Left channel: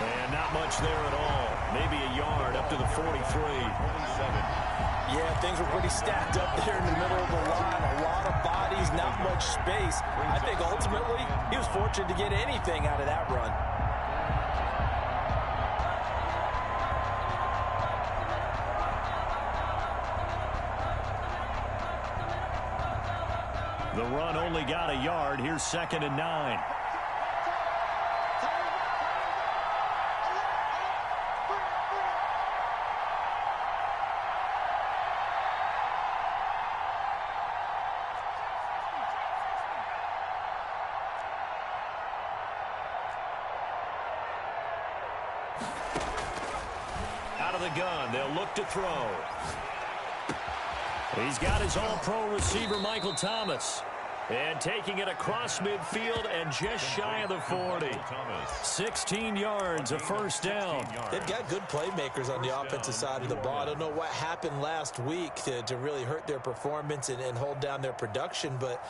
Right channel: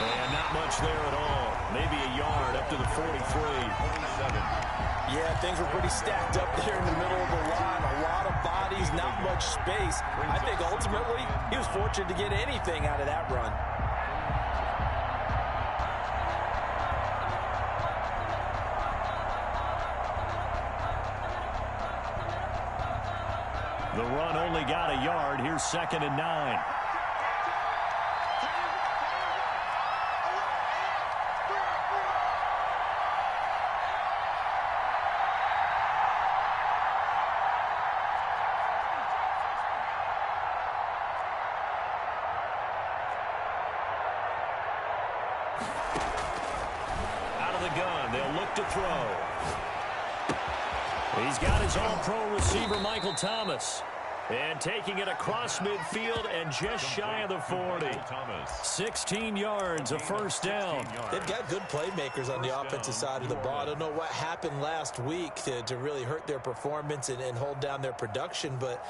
And not much there at all. Maybe a yard up to the 43. 27. Yeah, things were pretty stacked up there in the middle of the line. A lot of bodies, not much space. I think ultimately he was fortunate to get anything out of that run. The run only got a yard. Here's 2nd and 9. Out of the gun, they'll look to throw. He's got his all-pro receiver, Michael Thomas. And taking it across midfield and just shy of the 40. 16 yards, a first down. They've got good playmakers on the offensive side of the ball. I don't know what happened last week to really hurt their performance and hold down their production, but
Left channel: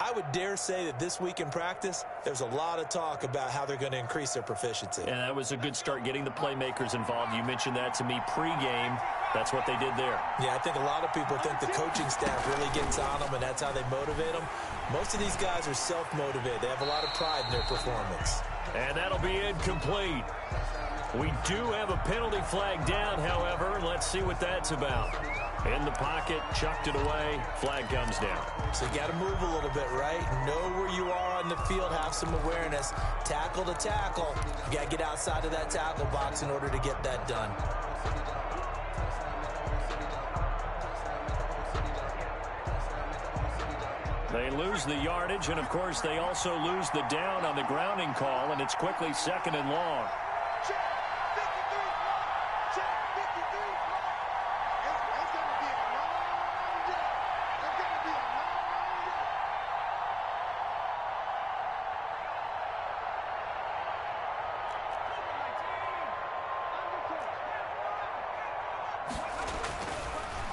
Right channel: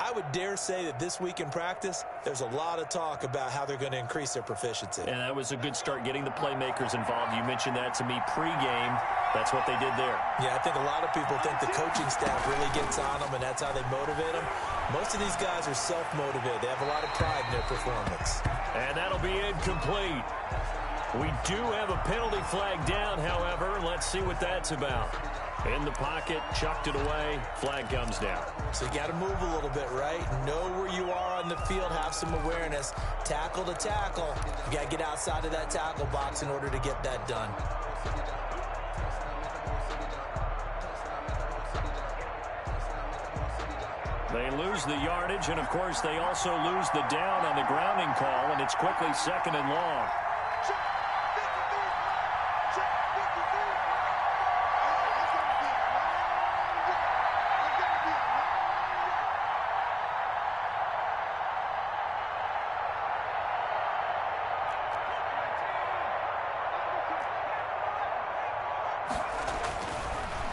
I would dare say that this week in practice, there's a lot of talk about how they're going to increase their proficiency. And that was a good start, getting the playmakers involved. You mentioned that to me pregame. That's what they did there. Yeah, I think a lot of people think the coaching staff really gets on them, and that's how they motivate them. Most of these guys are self-motivated. They have a lot of pride in their performance. And that'll be incomplete. We do have a penalty flag down, however. Let's see what that's about. In the pocket, chucked it away, flag comes down. So you got to move a little bit, right? Know where you are on the field, have some awareness. Tackle to tackle. You got to get outside of that tackle box in order to get that done. They lose the yardage, and of course they also lose the down on the grounding call, and it's quickly 2nd and long.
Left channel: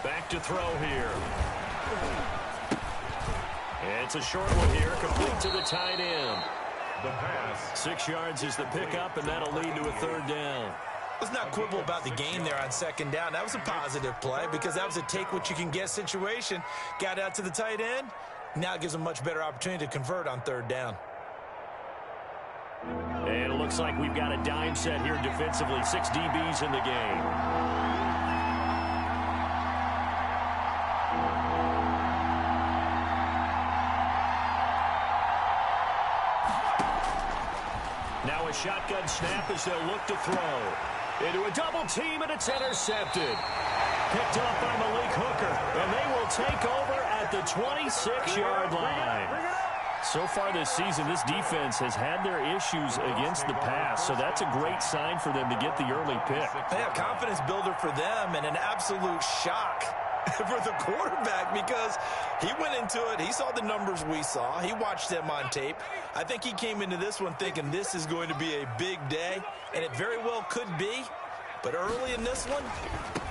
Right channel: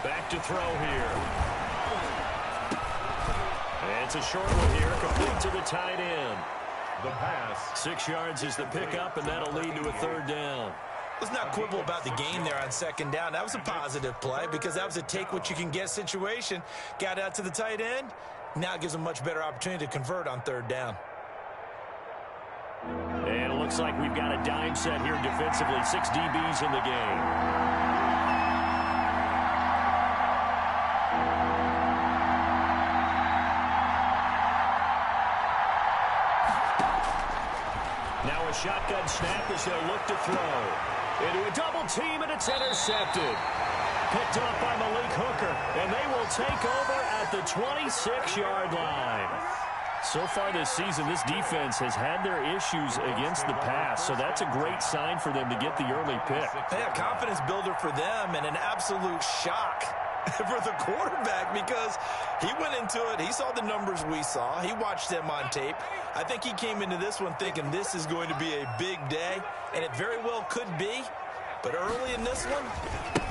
Back to throw here. It's a short one here, complete to the tight end. The pass. 6 yards is the pickup, and that'll lead to a 3rd down. Let's not quibble about the gain there on 2nd down. That was a positive play because that was a take-what-you-can-get situation. Got out to the tight end. Now it gives them a much better opportunity to convert on 3rd down. And it looks like we've got a dime set here defensively. 6 DBs in the game. Now a shotgun snap as they'll look to throw. Into a double team, and it's intercepted. Picked up by Malik Hooker, and they will take over at the 26-yard line. So far this season, this defense has had their issues against the pass, so that's a great sign for them to get the early pick. Yeah, confidence builder for them and an absolute shock for the quarterback because he went into it. He saw the numbers we saw. He watched them on tape. I think he came into this one thinking this is going to be a big day, and it very well could be. But early in this one,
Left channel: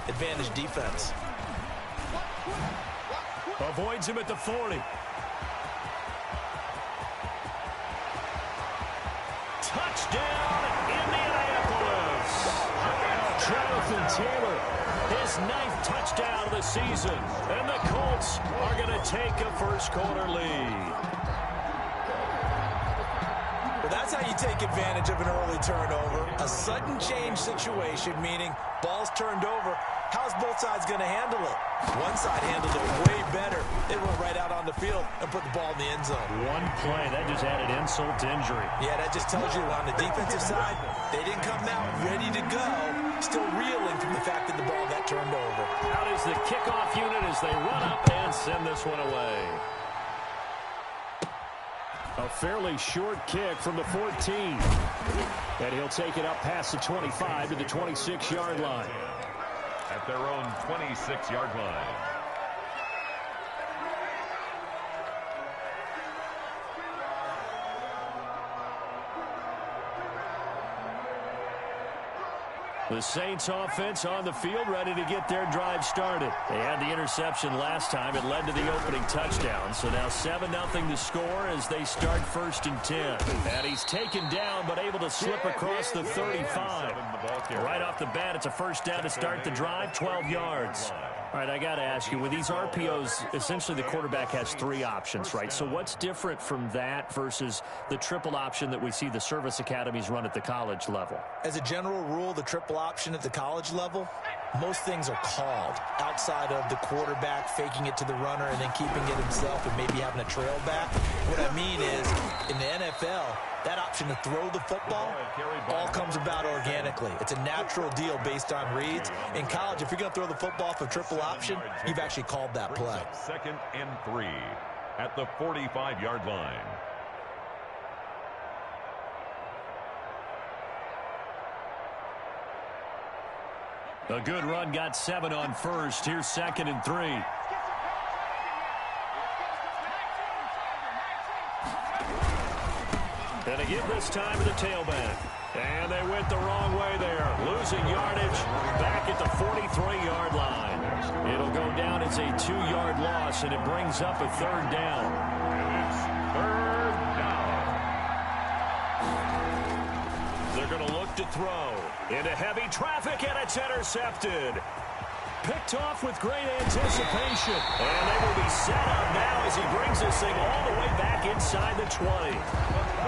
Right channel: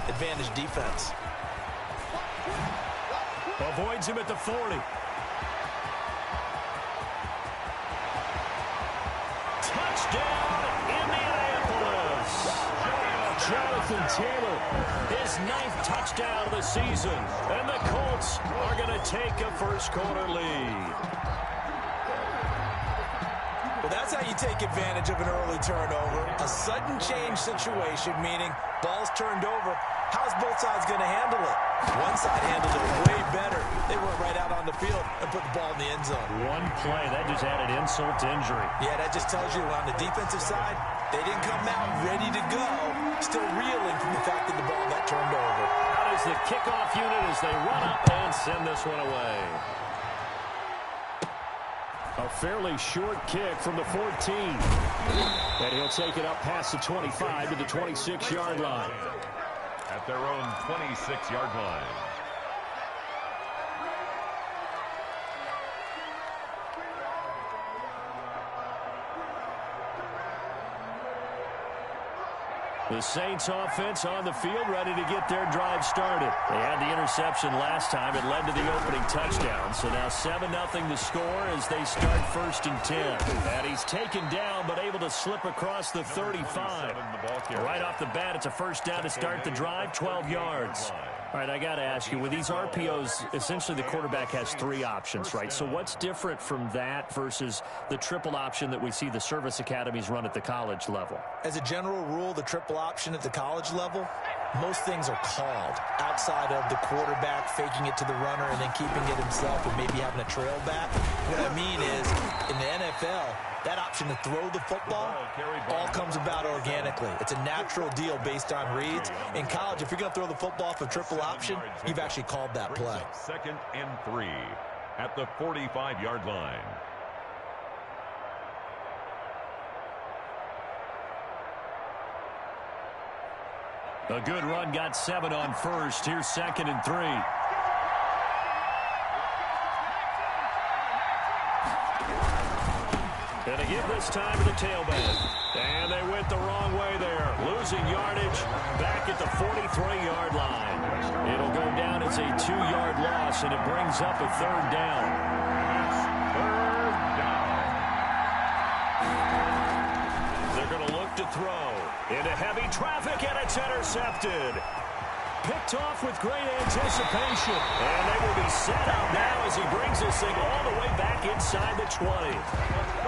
advantage defense. Avoids him at the 40. Touchdown, Indianapolis. Jonathan Taylor, his 9th touchdown of the season. And the Colts are going to take a first-quarter lead. Well, that's how you take advantage of an early turnover. A sudden change situation, meaning ball's turned over. How's both sides going to handle it? One side handled it way better. They went right out on the field and put the ball in the end zone. One play, that just added insult to injury. Yeah, that just tells you on the defensive side, they didn't come out ready to go, still reeling from the fact that the ball got turned over. Out is the kickoff unit as they run up and send this one away. A fairly short kick from the 14. And he'll take it up past the 25 to the 26-yard line. At their own 26-yard line. The Saints offense on the field, ready to get their drive started. They had the interception last time. It led to the opening touchdown. So now 7-0 to score as they start 1st and 10. And he's taken down but able to slip across the 35. Right off the bat, it's a first down to start the drive, 12 yards. All right, I got to ask you, with these RPOs, essentially the quarterback has 3 options, right? So what's different from that versus the triple option that we see the service academies run at the college level? As a general rule, the triple option at the college level, most things are called outside of the quarterback faking it to the runner and then keeping it himself and maybe having a trail back. What I mean is, in the NFL, that option to throw the football all comes about organically. It's a natural deal based on reads. In college, if you're going to throw the football off a triple option, you've actually called that play. 2nd and 3 at the 45-yard line. A good run, got 7 on first. Here's 2nd and 3. And a give this time to the tailback. And they went the wrong way there. Losing yardage back at the 43-yard line. It'll go down as a 2-yard loss, and it brings up a 3rd down. And it's 3rd down. They're going to look to throw into heavy traffic, and it's intercepted. Picked off with great anticipation. And they will be set up now as he brings this thing all the way back inside the 20.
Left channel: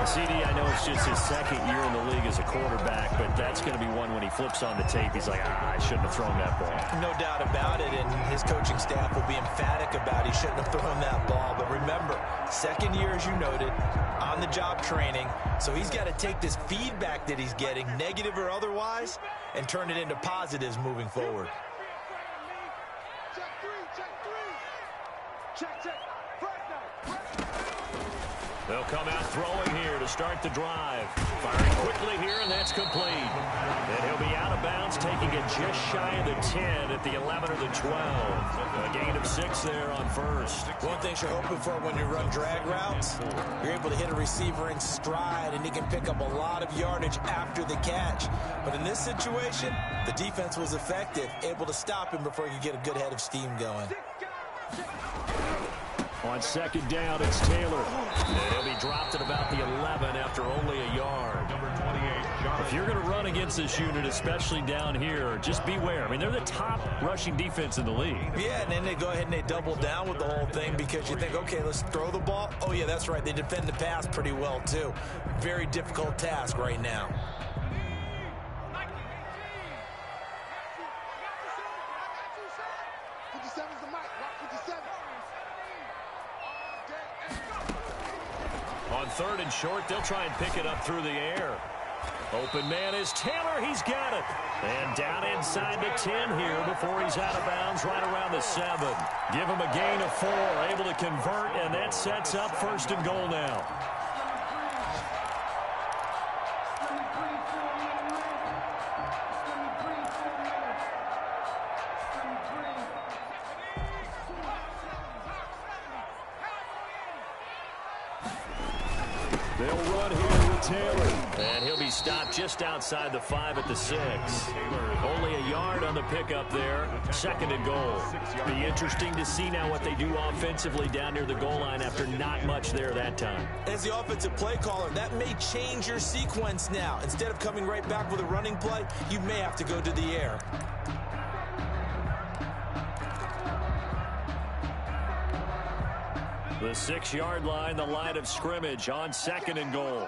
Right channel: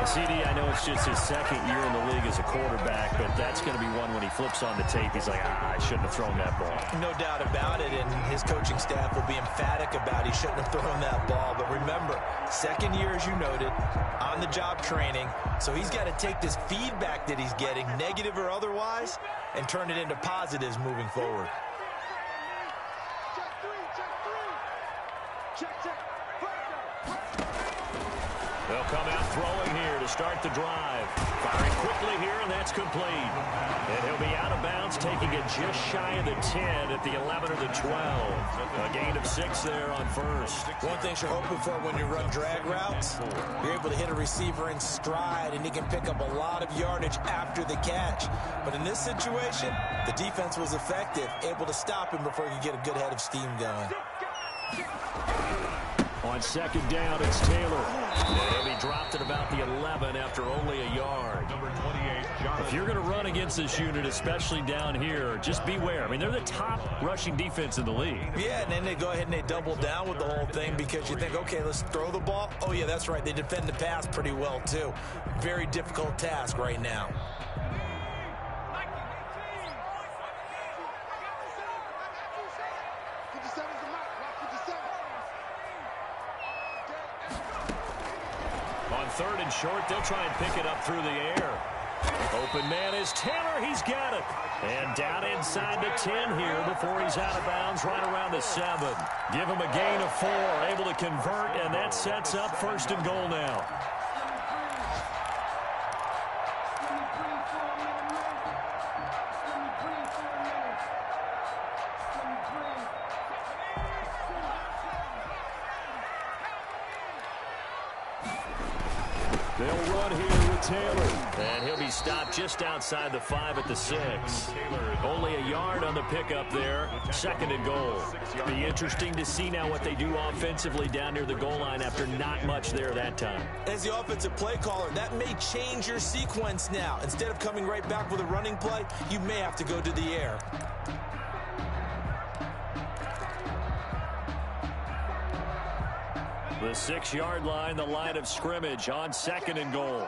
CD, I know it's just his 2nd year in the league as a quarterback, but that's going to be one when he flips on the tape. He's like, I shouldn't have thrown that ball. No doubt about it, and his coaching staff will be emphatic about he shouldn't have thrown that ball. But remember, 2nd year, as you noted, on-the-job training, so he's got to take this feedback that he's getting, negative or otherwise, and turn it into positives moving forward. They'll come out throwing here to start the drive. Firing quickly here, and that's complete. And he'll be out of bounds, taking it just shy of the 10 at the 11 or the 12. A gain of 6 there on first. One thing you're hoping for when you run drag routes, you're able to hit a receiver in stride, and he can pick up a lot of yardage after the catch. But in this situation, the defense was effective, able to stop him before he could get a good head of steam going. On 2nd down, it's Taylor. And he'll be dropped at about the 11 after only a yard. Number 28, If you're going to run against this unit, especially down here, just beware. I mean, they're the top rushing defense in the league. Yeah, and then they go ahead and they double down with the whole thing because you think, okay, let's throw the ball. Oh, yeah, that's right. They defend the pass pretty well, too. Very difficult task right now. On 3rd and short, they'll try and pick it up through the air. Open man is Taylor. He's got it. And down inside the 10 here before he's out of bounds right around the 7. Give him a gain of 4, able to convert, and that sets up 1st and goal now. They'll run here with Taylor. And he'll be stopped just outside the 5 at the 6. Only a yard on the pickup there. 2nd and goal. Be interesting to see now what they do offensively down near the goal line after not much there that time. As the offensive play caller, that may change your sequence now. Instead of coming right back with a running play, you may have to go to the air. The 6-yard line, the line of scrimmage on 2nd and goal.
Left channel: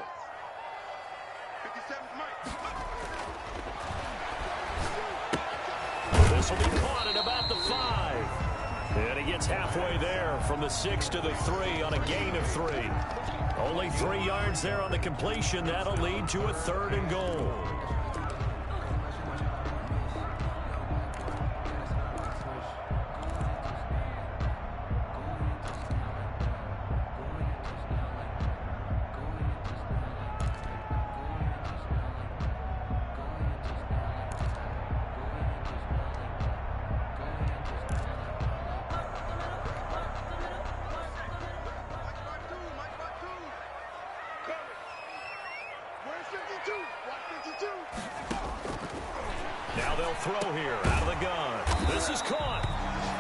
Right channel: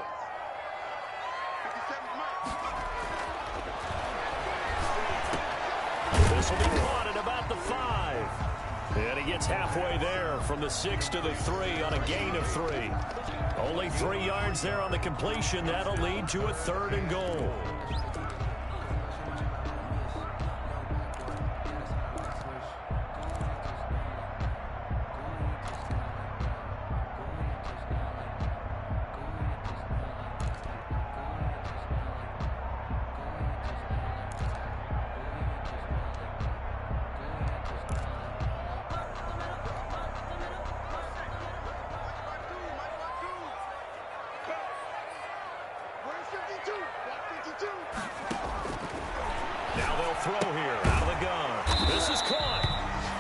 This will be caught at about the 5. And he gets halfway there from the 6 to the 3 on a gain of 3. Only 3 yards there on the completion. That'll lead to a 3rd and goal. Where's 52? Watch 52. Now they'll throw here out of the gun. This is caught.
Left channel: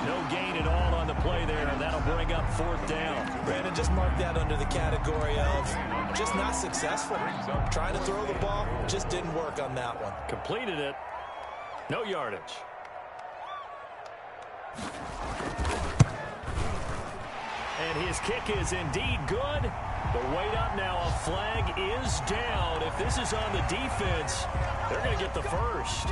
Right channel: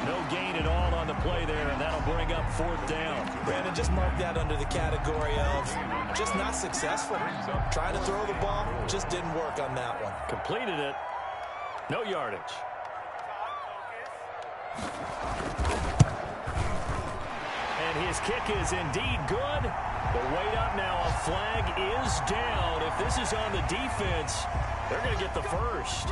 No gain at all on the play there, and that'll bring up 4th down. Brandon, just mark that under the category of just not successful. Trying to throw the ball, just didn't work on that one. Completed it. No yardage. And his kick is indeed good. But wait up now, a flag is down. If this is on the defense, they're going to get the first.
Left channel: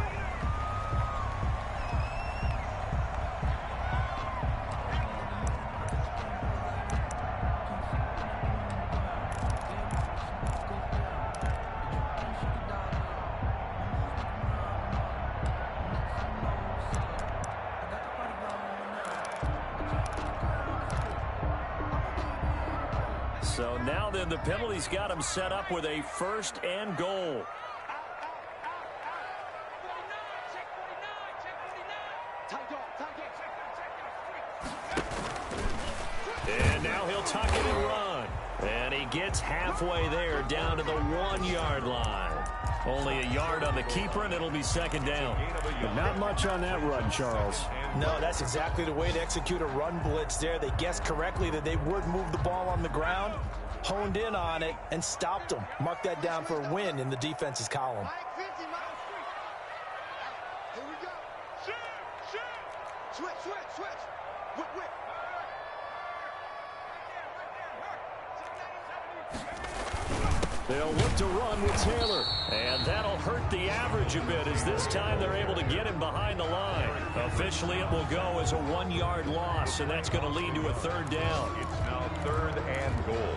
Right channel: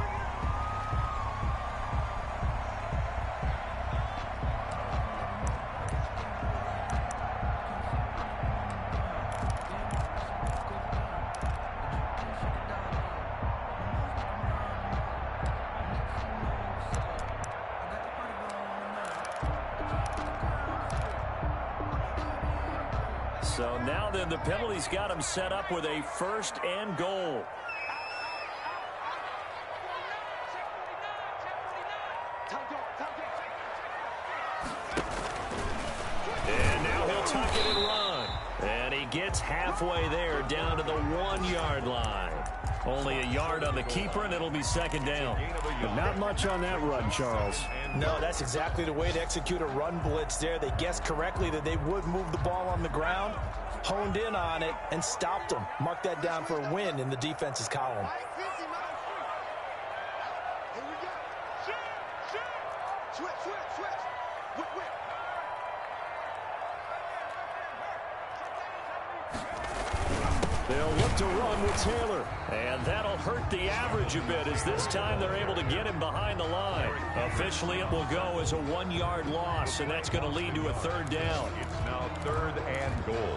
So now then the penalty's got him set up with a 1st and goal. And now he'll tuck it and run. And he gets halfway there down to the 1-yard line. Only a yard on the keeper, and it'll be 2nd down. But not much on that run, Charles. No, that's exactly the way to execute a run blitz there. They guessed correctly that they would move the ball on the ground, honed in on it, and stopped them. Mark that down for a win in the defense's column. Here we go. Switch. Whip. They'll look to run with Taylor, and that'll hurt the average a bit as this time they're able to get him behind the line. Officially, it will go as a 1-yard loss, and that's going to lead to a 3rd down. It's now 3rd and goal.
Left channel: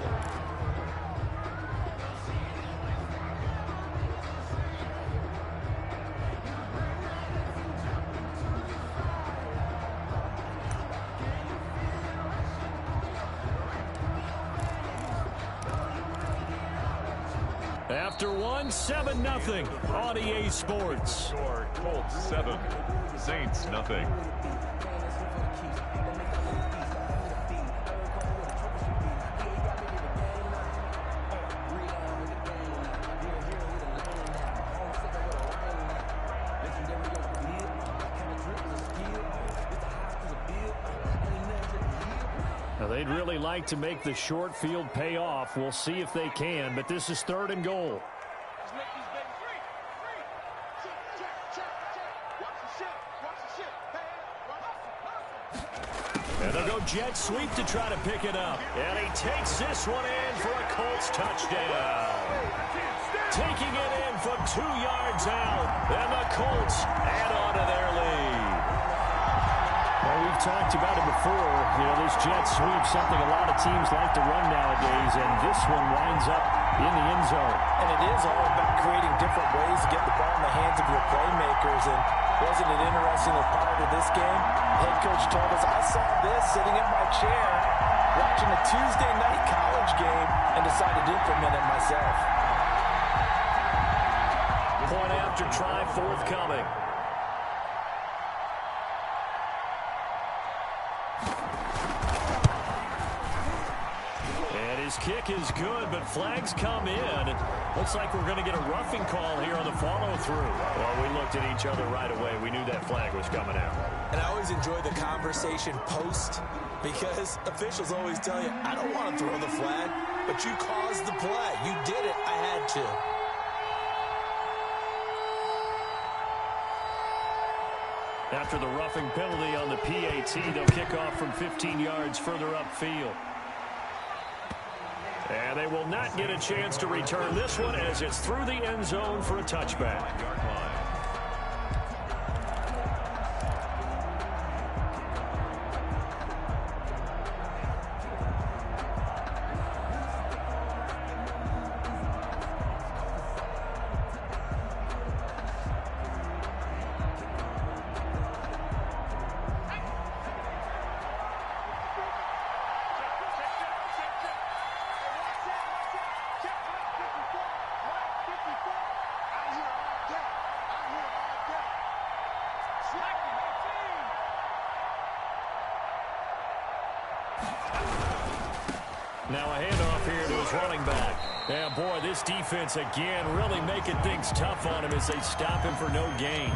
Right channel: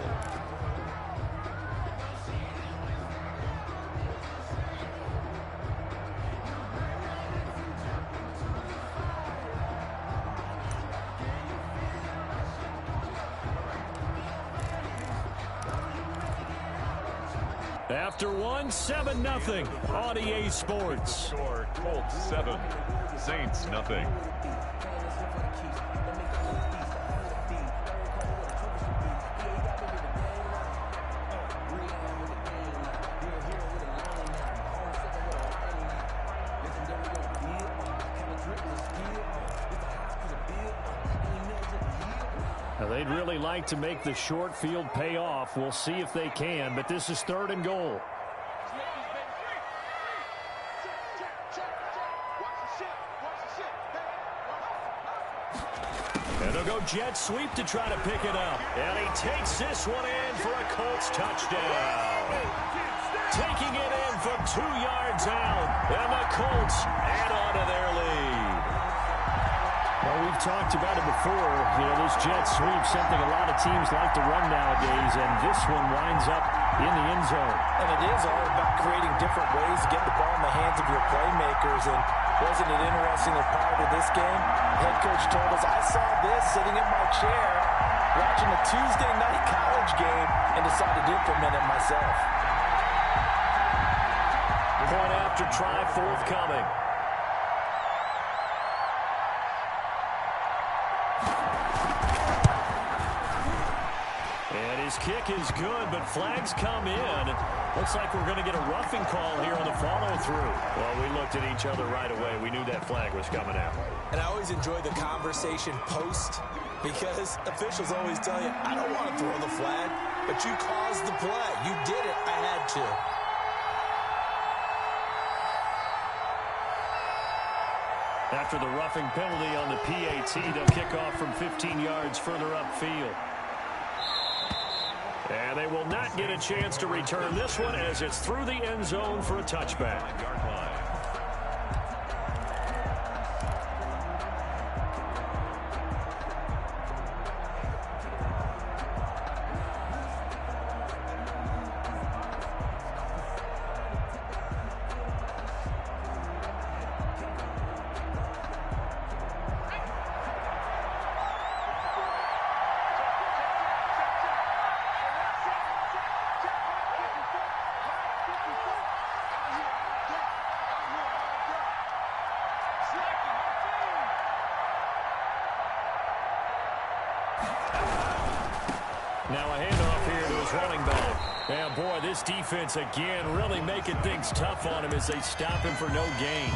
After 7-0 on EA Sports. Score Colts 7, Saints nothing. Now they'd really like to make the short field pay off. We'll see if they can, but this is 3rd and goal. And they'll go jet sweep to try to pick it up. And he takes this one in for a Colts touchdown. Taking it in from 2 yards out. And the Colts add on to their lead. Well, we've talked about it before. You know, this jet sweep, something a lot of teams like to run nowadays, and this one winds up in the end zone. And it is all about creating different ways to get the ball in the hands of your playmakers. And wasn't it interesting that prior to this game, head coach told us, I saw this sitting in my chair watching a Tuesday night college game and decided to implement it myself. Point after try forthcoming. And his kick is good, but flags come in. Looks like we're going to get a roughing call here on the follow-through. Well, we looked at each other right away. We knew that flag was coming out. And I always enjoy the conversation post because officials always tell you, I don't want to throw the flag, but you caused the play. You did it. I had to. After the roughing penalty on the PAT, they'll kick off from 15 yards further upfield. And they will not get a chance to return this one as it's through the end zone for a touchback. Now a handoff here to his running back. And boy, this defense again really making things tough on him as they stop him for no gain.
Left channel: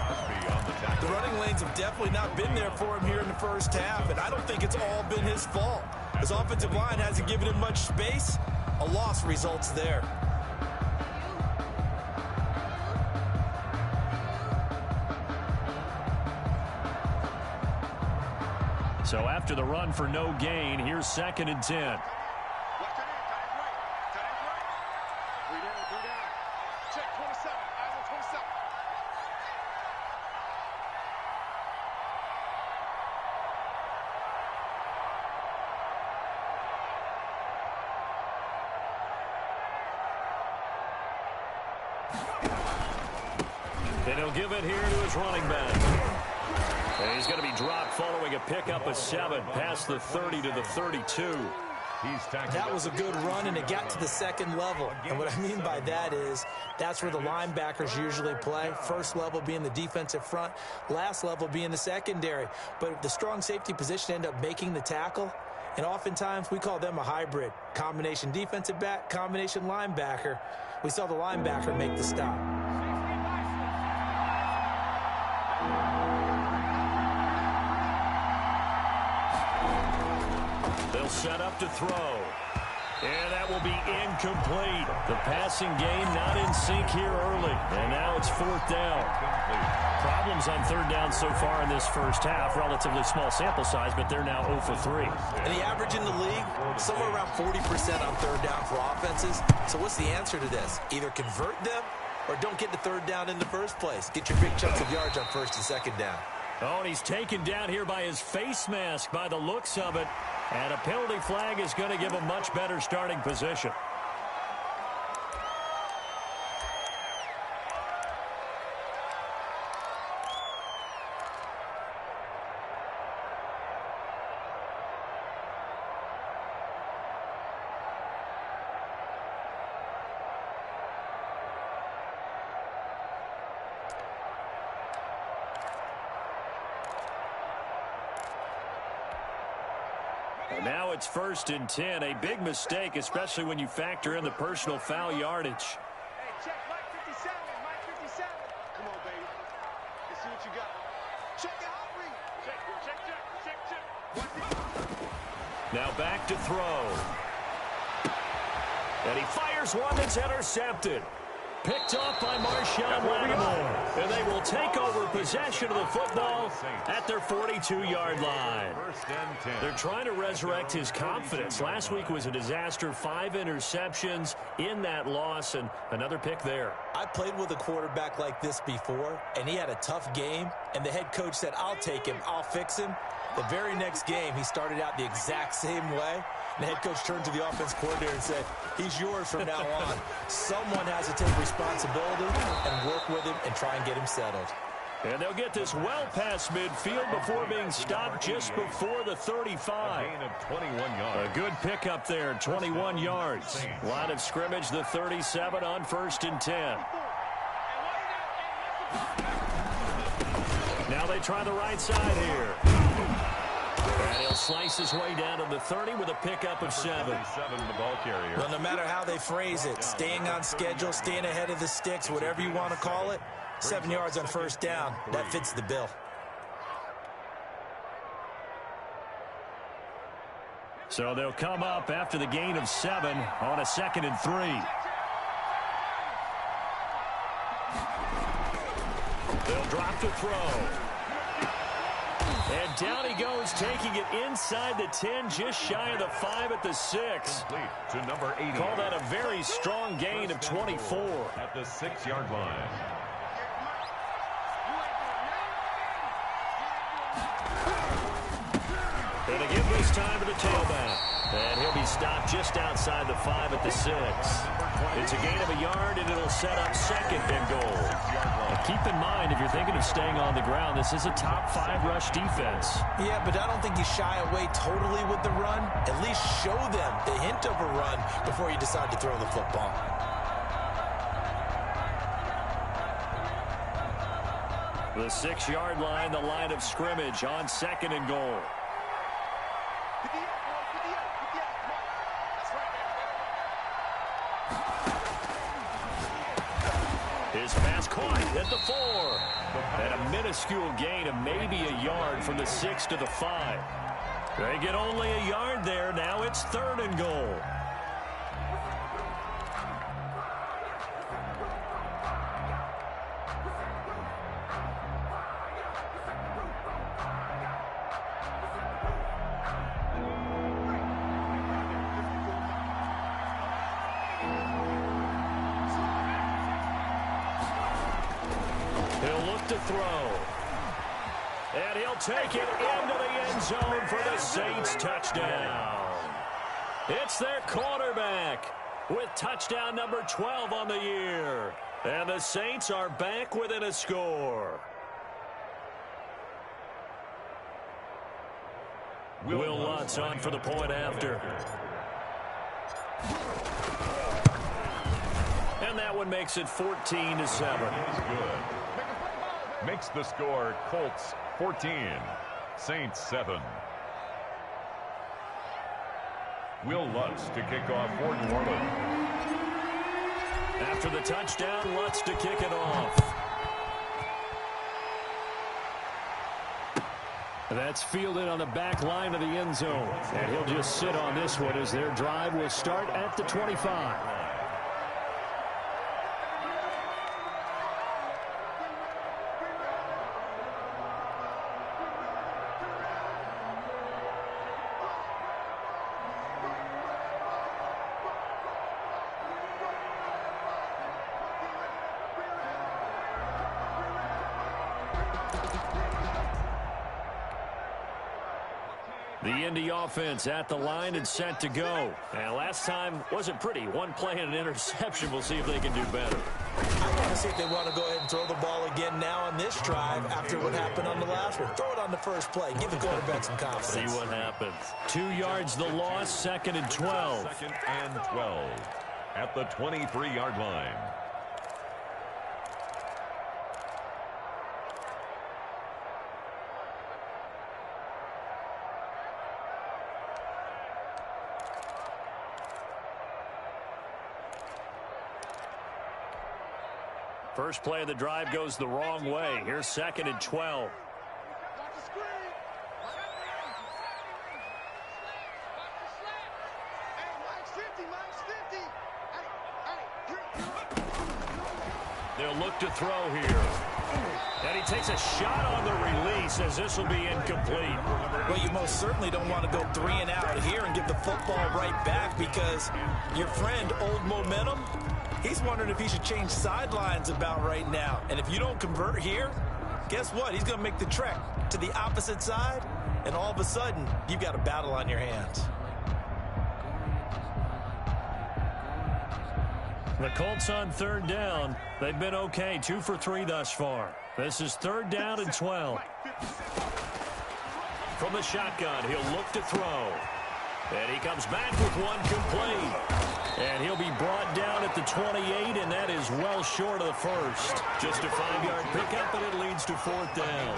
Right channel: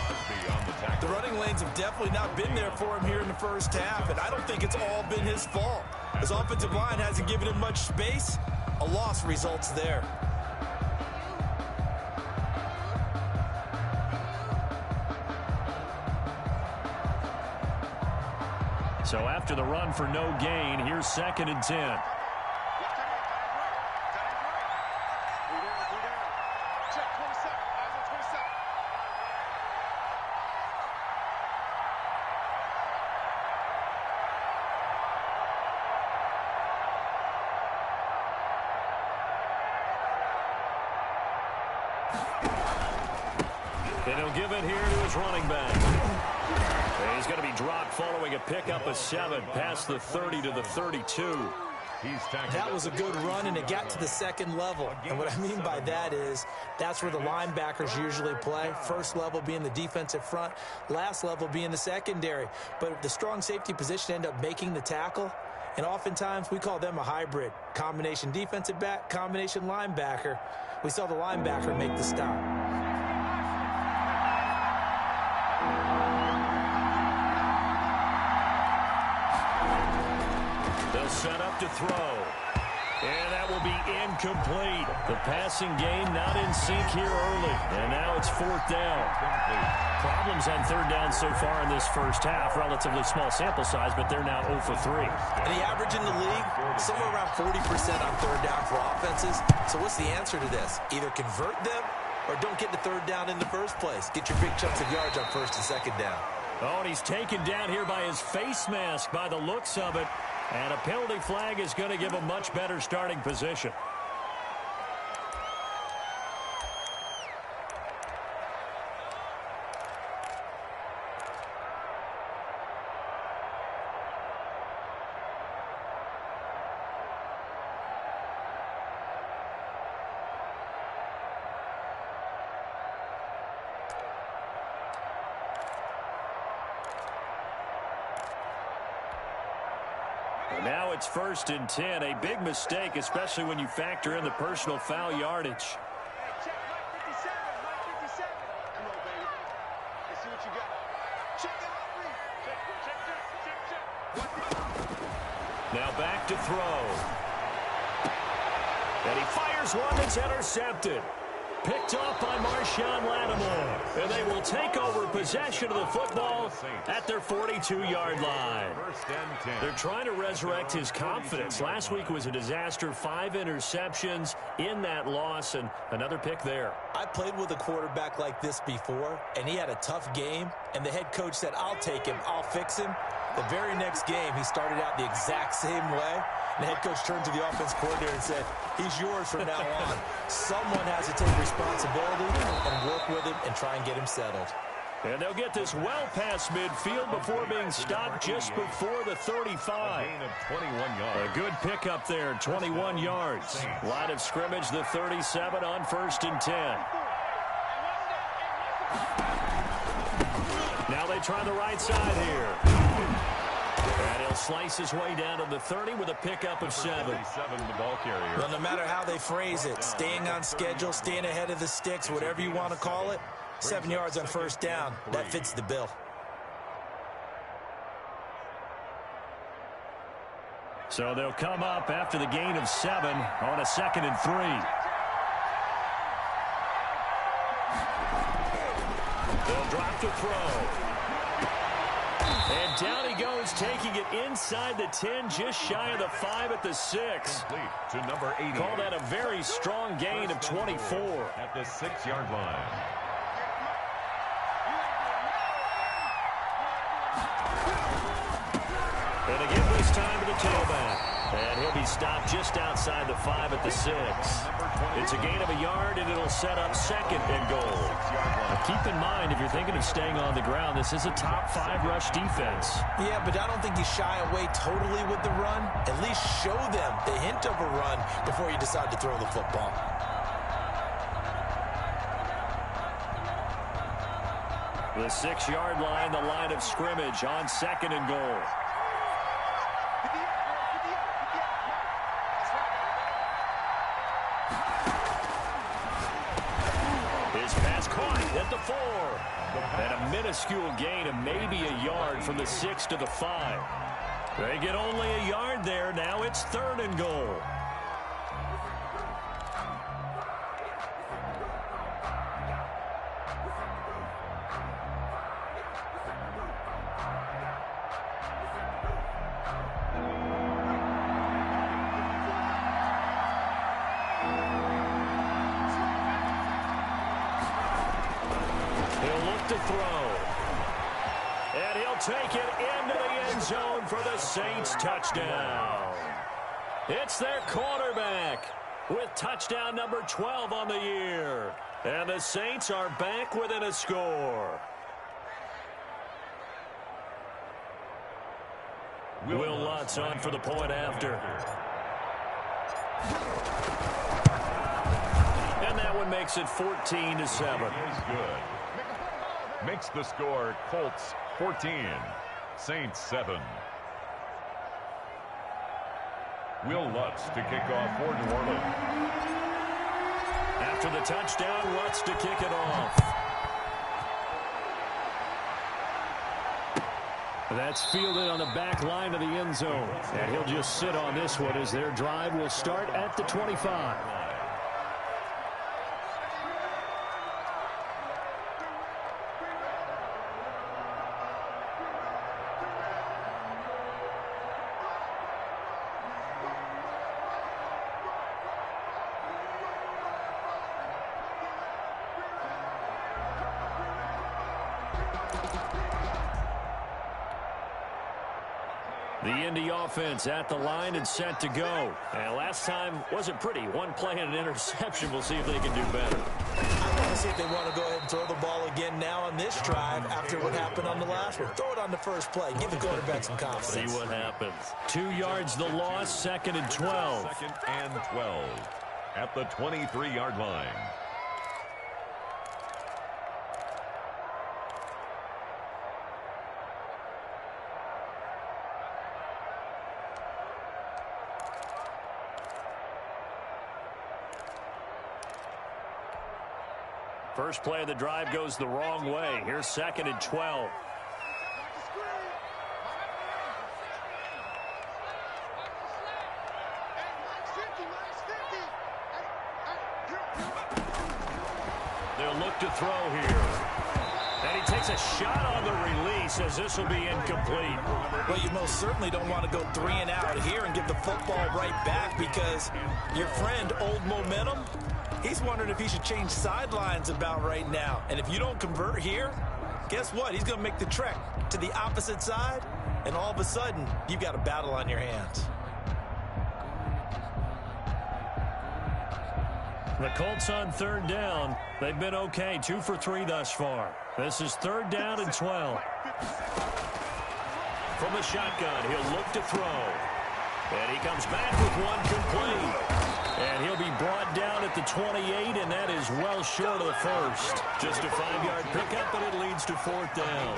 The running lanes have definitely not been there for him here in the first half, and I don't think it's all been his fault. His offensive line hasn't given him much space. A loss results there. So after the run for no gain, here's 2nd and 10. Watch tight end. Tight end's right. 3 down, 3 down. Check 27. Eyes on 27. And he'll give it here to his running back. And he's going to be dropped following a pickup of 7 past the 30 to the 32. That was a good run, and it got to the second level. And what I mean by that is that's where the linebackers usually play. First level being the defensive front, last level being the secondary. But the strong safety position ended up making the tackle. And oftentimes we call them a hybrid. Combination defensive back, combination linebacker. We saw the linebacker make the stop. They'll set up to throw. And that will be incomplete. The passing game not in sync here early. And now it's 4th down. Problems on 3rd down so far in this first half. Relatively small sample size, but they're now 0 for 3. And the average in the league, somewhere around 40% on 3rd down for offenses. So what's the answer to this? Either convert them or don't get to 3rd down in the first place. Get your big chunks of yards on 1st and 2nd down. Oh, and he's taken down here by his face mask by the looks of it. And a penalty flag is going to give a much better starting position. Now it's 1st and 10. A big mistake, especially when you factor in the personal foul yardage. Hey, check Mike 57. Mike 57. Come on, baby. Let's see what you got. Check it out, Reed. Check. Now back to throw. And he fires one that's intercepted. Picked off by Marshawn Lattimore. And they will take over possession of the football at their 42-yard line. They're trying to resurrect his confidence. Last week was a disaster. 5 interceptions in that loss, and another pick there. I played with a quarterback like this before, and he had a tough game, and the head coach said, I'll take him, I'll fix him. The very next game, he started out the exact same way. And the head coach turned to the offense coordinator and said, he's yours from now on. Someone has to take responsibility and work with him and try and get him settled. And they'll get this well past midfield before being stopped just before the 35. A good pickup there, 21 yards. Line of scrimmage, the 37 on 1st and 10. Now they try the right side here. And he'll slice his way down to the 30 with a pickup of 7. The ball carrier. Well, no matter how they phrase it, staying on schedule, staying ahead of the sticks, whatever you want to call it, 7 yards on 1st down, that fits the bill. So they'll come up after the gain of 7 on a 2nd and 3. They'll drop to throw. And down he goes, taking it inside the 10, just shy of the 5 at the 6. Complete to number 80. Call that a very strong gain of 24. At the 6-yard line. And again this time to the tailback. And he'll be stopped just outside the 5 at the 6. It's a gain of a yard, and it'll set up 2nd and goal. Now keep in mind, if you're thinking of staying on the ground, this is a top 5 rush defense. Yeah, but I don't think you shy away totally with the run. At least show them the hint of a run before you decide to throw the football. The 6-yard line, the line of scrimmage on 2nd and goal. 58, boy, 58, 58, Mike. That's right. at the 4. And a minuscule gain of maybe a yard from the 6 to the 5. They get only a yard there. Now it's 3rd and goal. He'll look to throw. And he'll take it into the end zone for the Saints touchdown. It's their quarterback with touchdown number 12 on the year. And the Saints are back within a score. Will Lutz on for the point after. And that one makes it 14-7. Is good. Makes the score Colts 14, Saints 7. Will Lutz to kick off for New Orleans. After the touchdown, Lutz to kick it off. That's fielded on the back line of the end zone. And he'll just sit on this one as their drive will start at the 25. The Indy offense at the line and set to go. And last time wasn't pretty. One play and an interception. We'll see if they can do better. I want to see if they want to go ahead and throw the ball again now on this drive after what happened on the last one. Throw it on the first play. Give the quarterback some confidence. See what happens. 2 yards the loss, 2nd and 12. 2nd and 12 at the 23-yard line. First play of the drive goes the wrong way. Here's 2nd and 12. They'll look to throw here. And he takes a shot on the release as this will be incomplete. Well, you most certainly don't want to go 3 and out here and give the football right back because your friend, Old Momentum, he's wondering if he should change sidelines about right now. And if you don't convert here, guess what? He's going to make the trek to the opposite side, and all of a sudden, you've got a battle on your hands. The Colts on 3rd down. They've been okay, 2 for 3 thus far. This is 3rd down and 12. From the shotgun, he'll look to throw. And he comes back with one complete. And he'll be brought down at the 28, and that is well short of the first. Just a 5-yard pickup, and it leads to 4th down.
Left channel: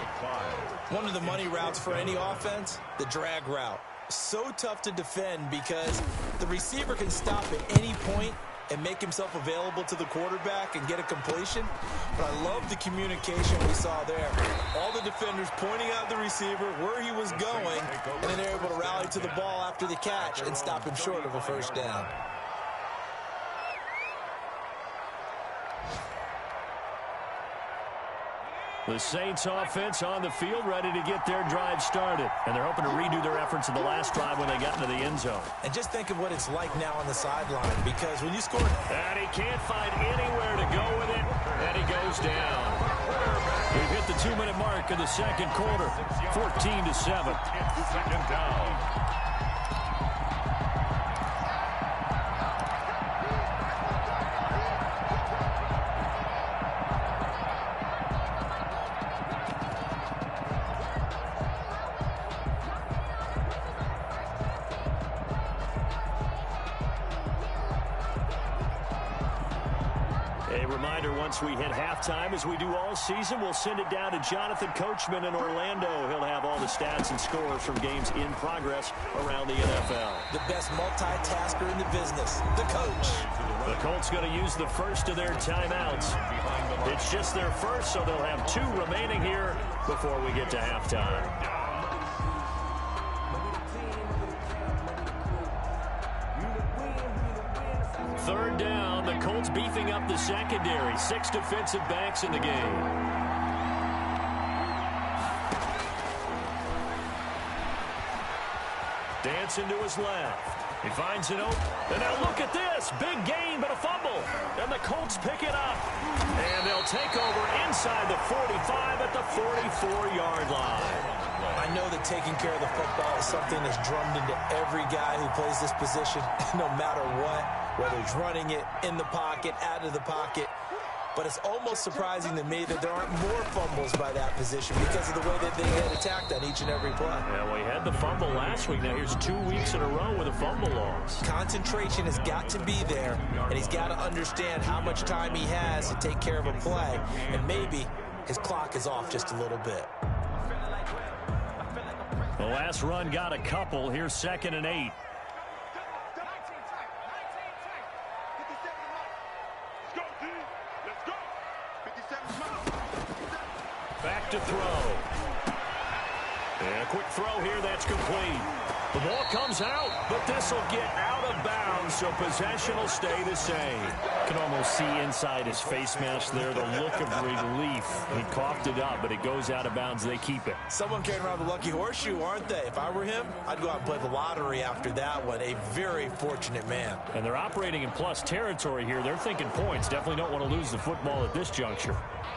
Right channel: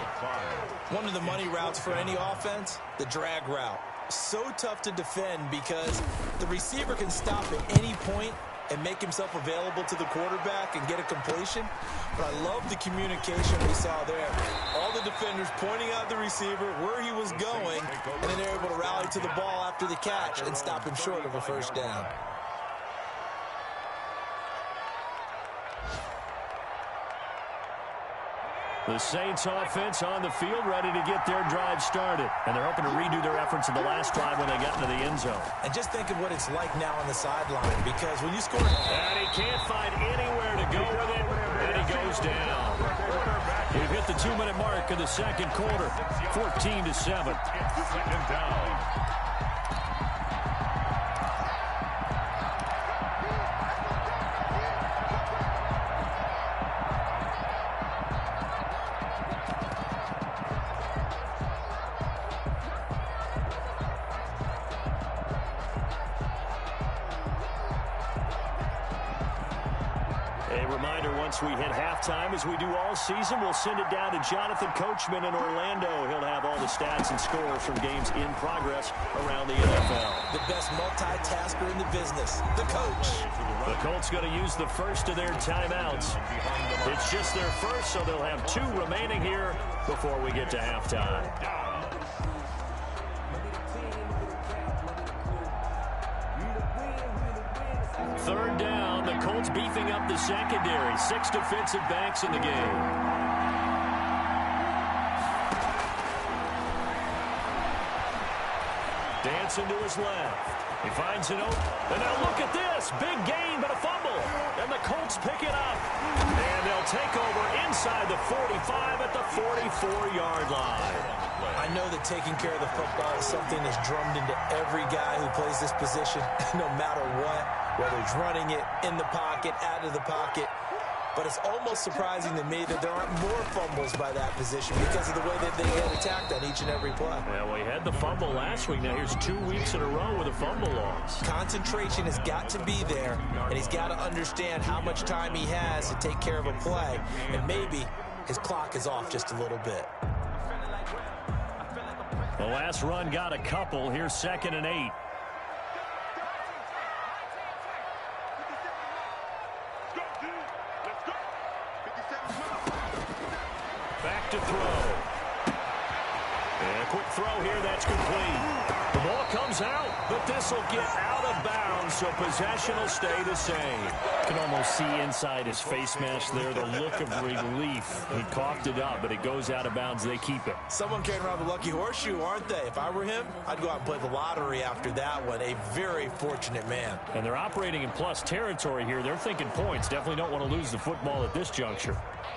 One of the money routes for any offense, the drag route. So tough to defend because the receiver can stop at any point and make himself available to the quarterback and get a completion. But I love the communication we saw there. All the defenders pointing out the receiver, where he was going, and then they're able to rally to the ball after the catch and stop him short of a first down. The Saints offense on the field ready to get their drive started. And they're hoping to redo their efforts in the last drive when they got into the end zone. And just think of what it's like now on the sideline, because when you score... And he can't find anywhere to go with it, and he goes down. We've hit the 2-minute mark in the second quarter, 14-7. 2nd down. A reminder, once we hit halftime, as we do all season, we'll send it down to Jonathan Coachman in Orlando. He'll have all the stats and scores from games in progress around the NFL. The best multitasker in the business, the coach. The Colts going to use the first of their timeouts. Behind the It's just their first, so they'll have 2 remaining here before we get to halftime. Third down, the Colts beefing up the secondary. 6 defensive backs in the game. Dancing to his left. He finds it open. And now look at this. Big gain, but a fumble. And the Colts pick it up. And they'll take over inside the 45 at the 44-yard line. I know that taking care of the football is something that's drummed into every guy who plays this position, no matter what, whether he's running it, in the pocket, out of the pocket. But it's almost surprising to me that there aren't more fumbles by that position because of the way that they get attacked on each and every play. Yeah, well, he had the fumble last week. Now here's 2 weeks in a row with a fumble loss. Concentration has got to be there, and he's got to understand how much time he has to take care of a play. And maybe his clock is off just a little bit. The last run got a couple. Here's 2nd and 8. Back to throw. And a quick throw here, that's complete. The ball comes out, but this will get out of bounds, so possession will stay the same. Can almost see inside his face mask there, the look of relief. He coughed it up, but it goes out of bounds. They keep it. Someone carrying around the lucky horseshoe, aren't they? If I were him, I'd go out and play the lottery after that one. A very fortunate man. And they're operating in plus territory here. They're thinking points. Definitely don't want to lose the football at this juncture.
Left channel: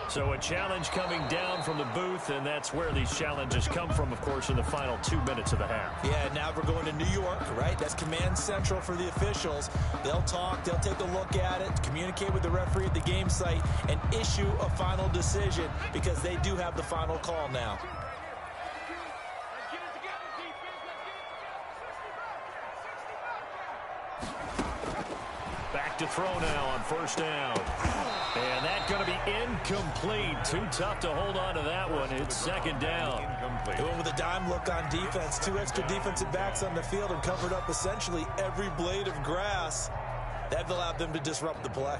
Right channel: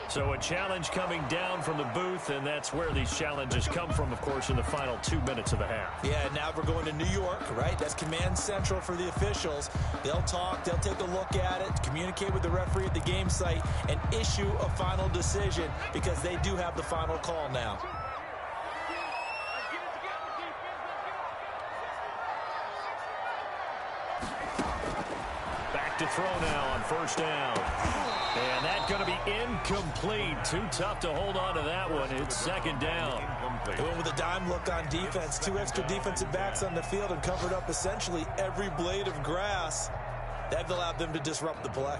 So a challenge coming down from the booth, and that's where these challenges come from, of course, in the final 2 minutes of the half. Yeah, now we're going to New York, right? That's command central for the officials. They'll talk, they'll take a look at it, communicate with the referee at the game site, and issue a final decision because they do have the final call now. Back to throw now on 1st down. And that's going to be incomplete. Too tough to hold on to that one. It's 2nd down. Doing with a dime look on defense. 2 extra defensive backs on the field and covered up essentially every blade of grass. That allowed them to disrupt the play.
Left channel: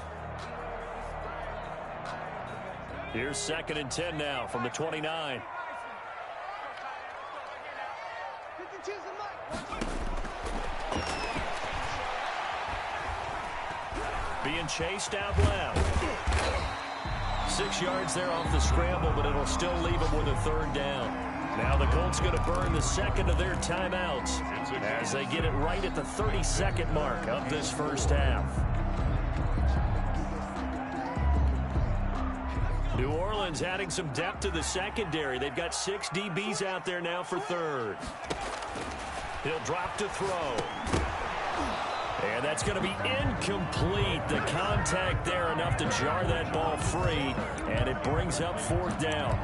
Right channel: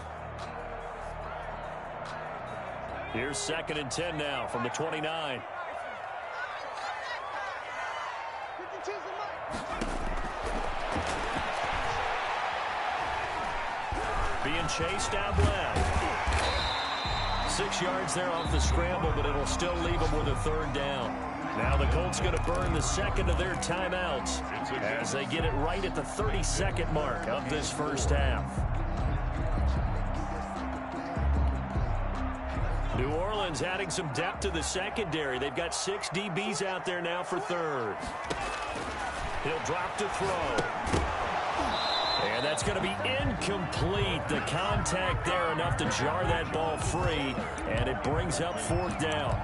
Here's 2nd and 10 now from the 29. Being chased out left. 6 yards there off the scramble, but it'll still leave them with a 3rd down. Now the Colts going to burn the 2nd of their timeouts as they get it right at the 32nd mark of this first half. New Orleans adding some depth to the secondary. They've got 6 DBs out there now for 3rd. He'll drop to throw. And that's going to be incomplete. The contact there enough to jar that ball free, and it brings up 4th down.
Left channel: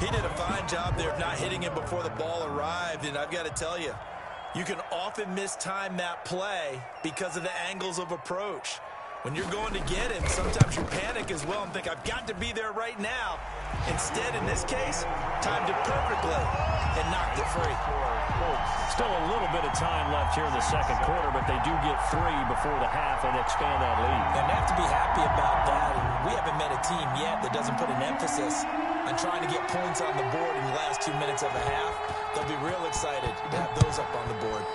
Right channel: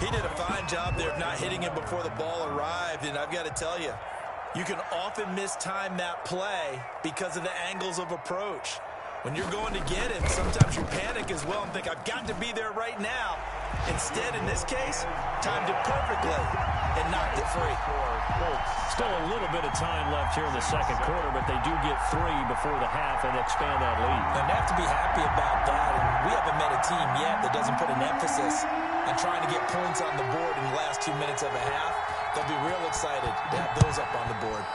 He did a fine job there of not hitting him before the ball arrived, and I've got to tell you, you can often mistime that play because of the angles of approach. When you're going to get him, sometimes you panic as well and think, I've got to be there right now. Instead, in this case, timed it perfectly and knocked it free. Still a little bit of time left here in the 2nd quarter, but they do get 3 before the half and expand that lead. And they have to be happy about that, and we haven't met a team yet that doesn't put an emphasis on trying to get points on the board in the last 2 minutes of a half. They'll be real excited to have those up on the board.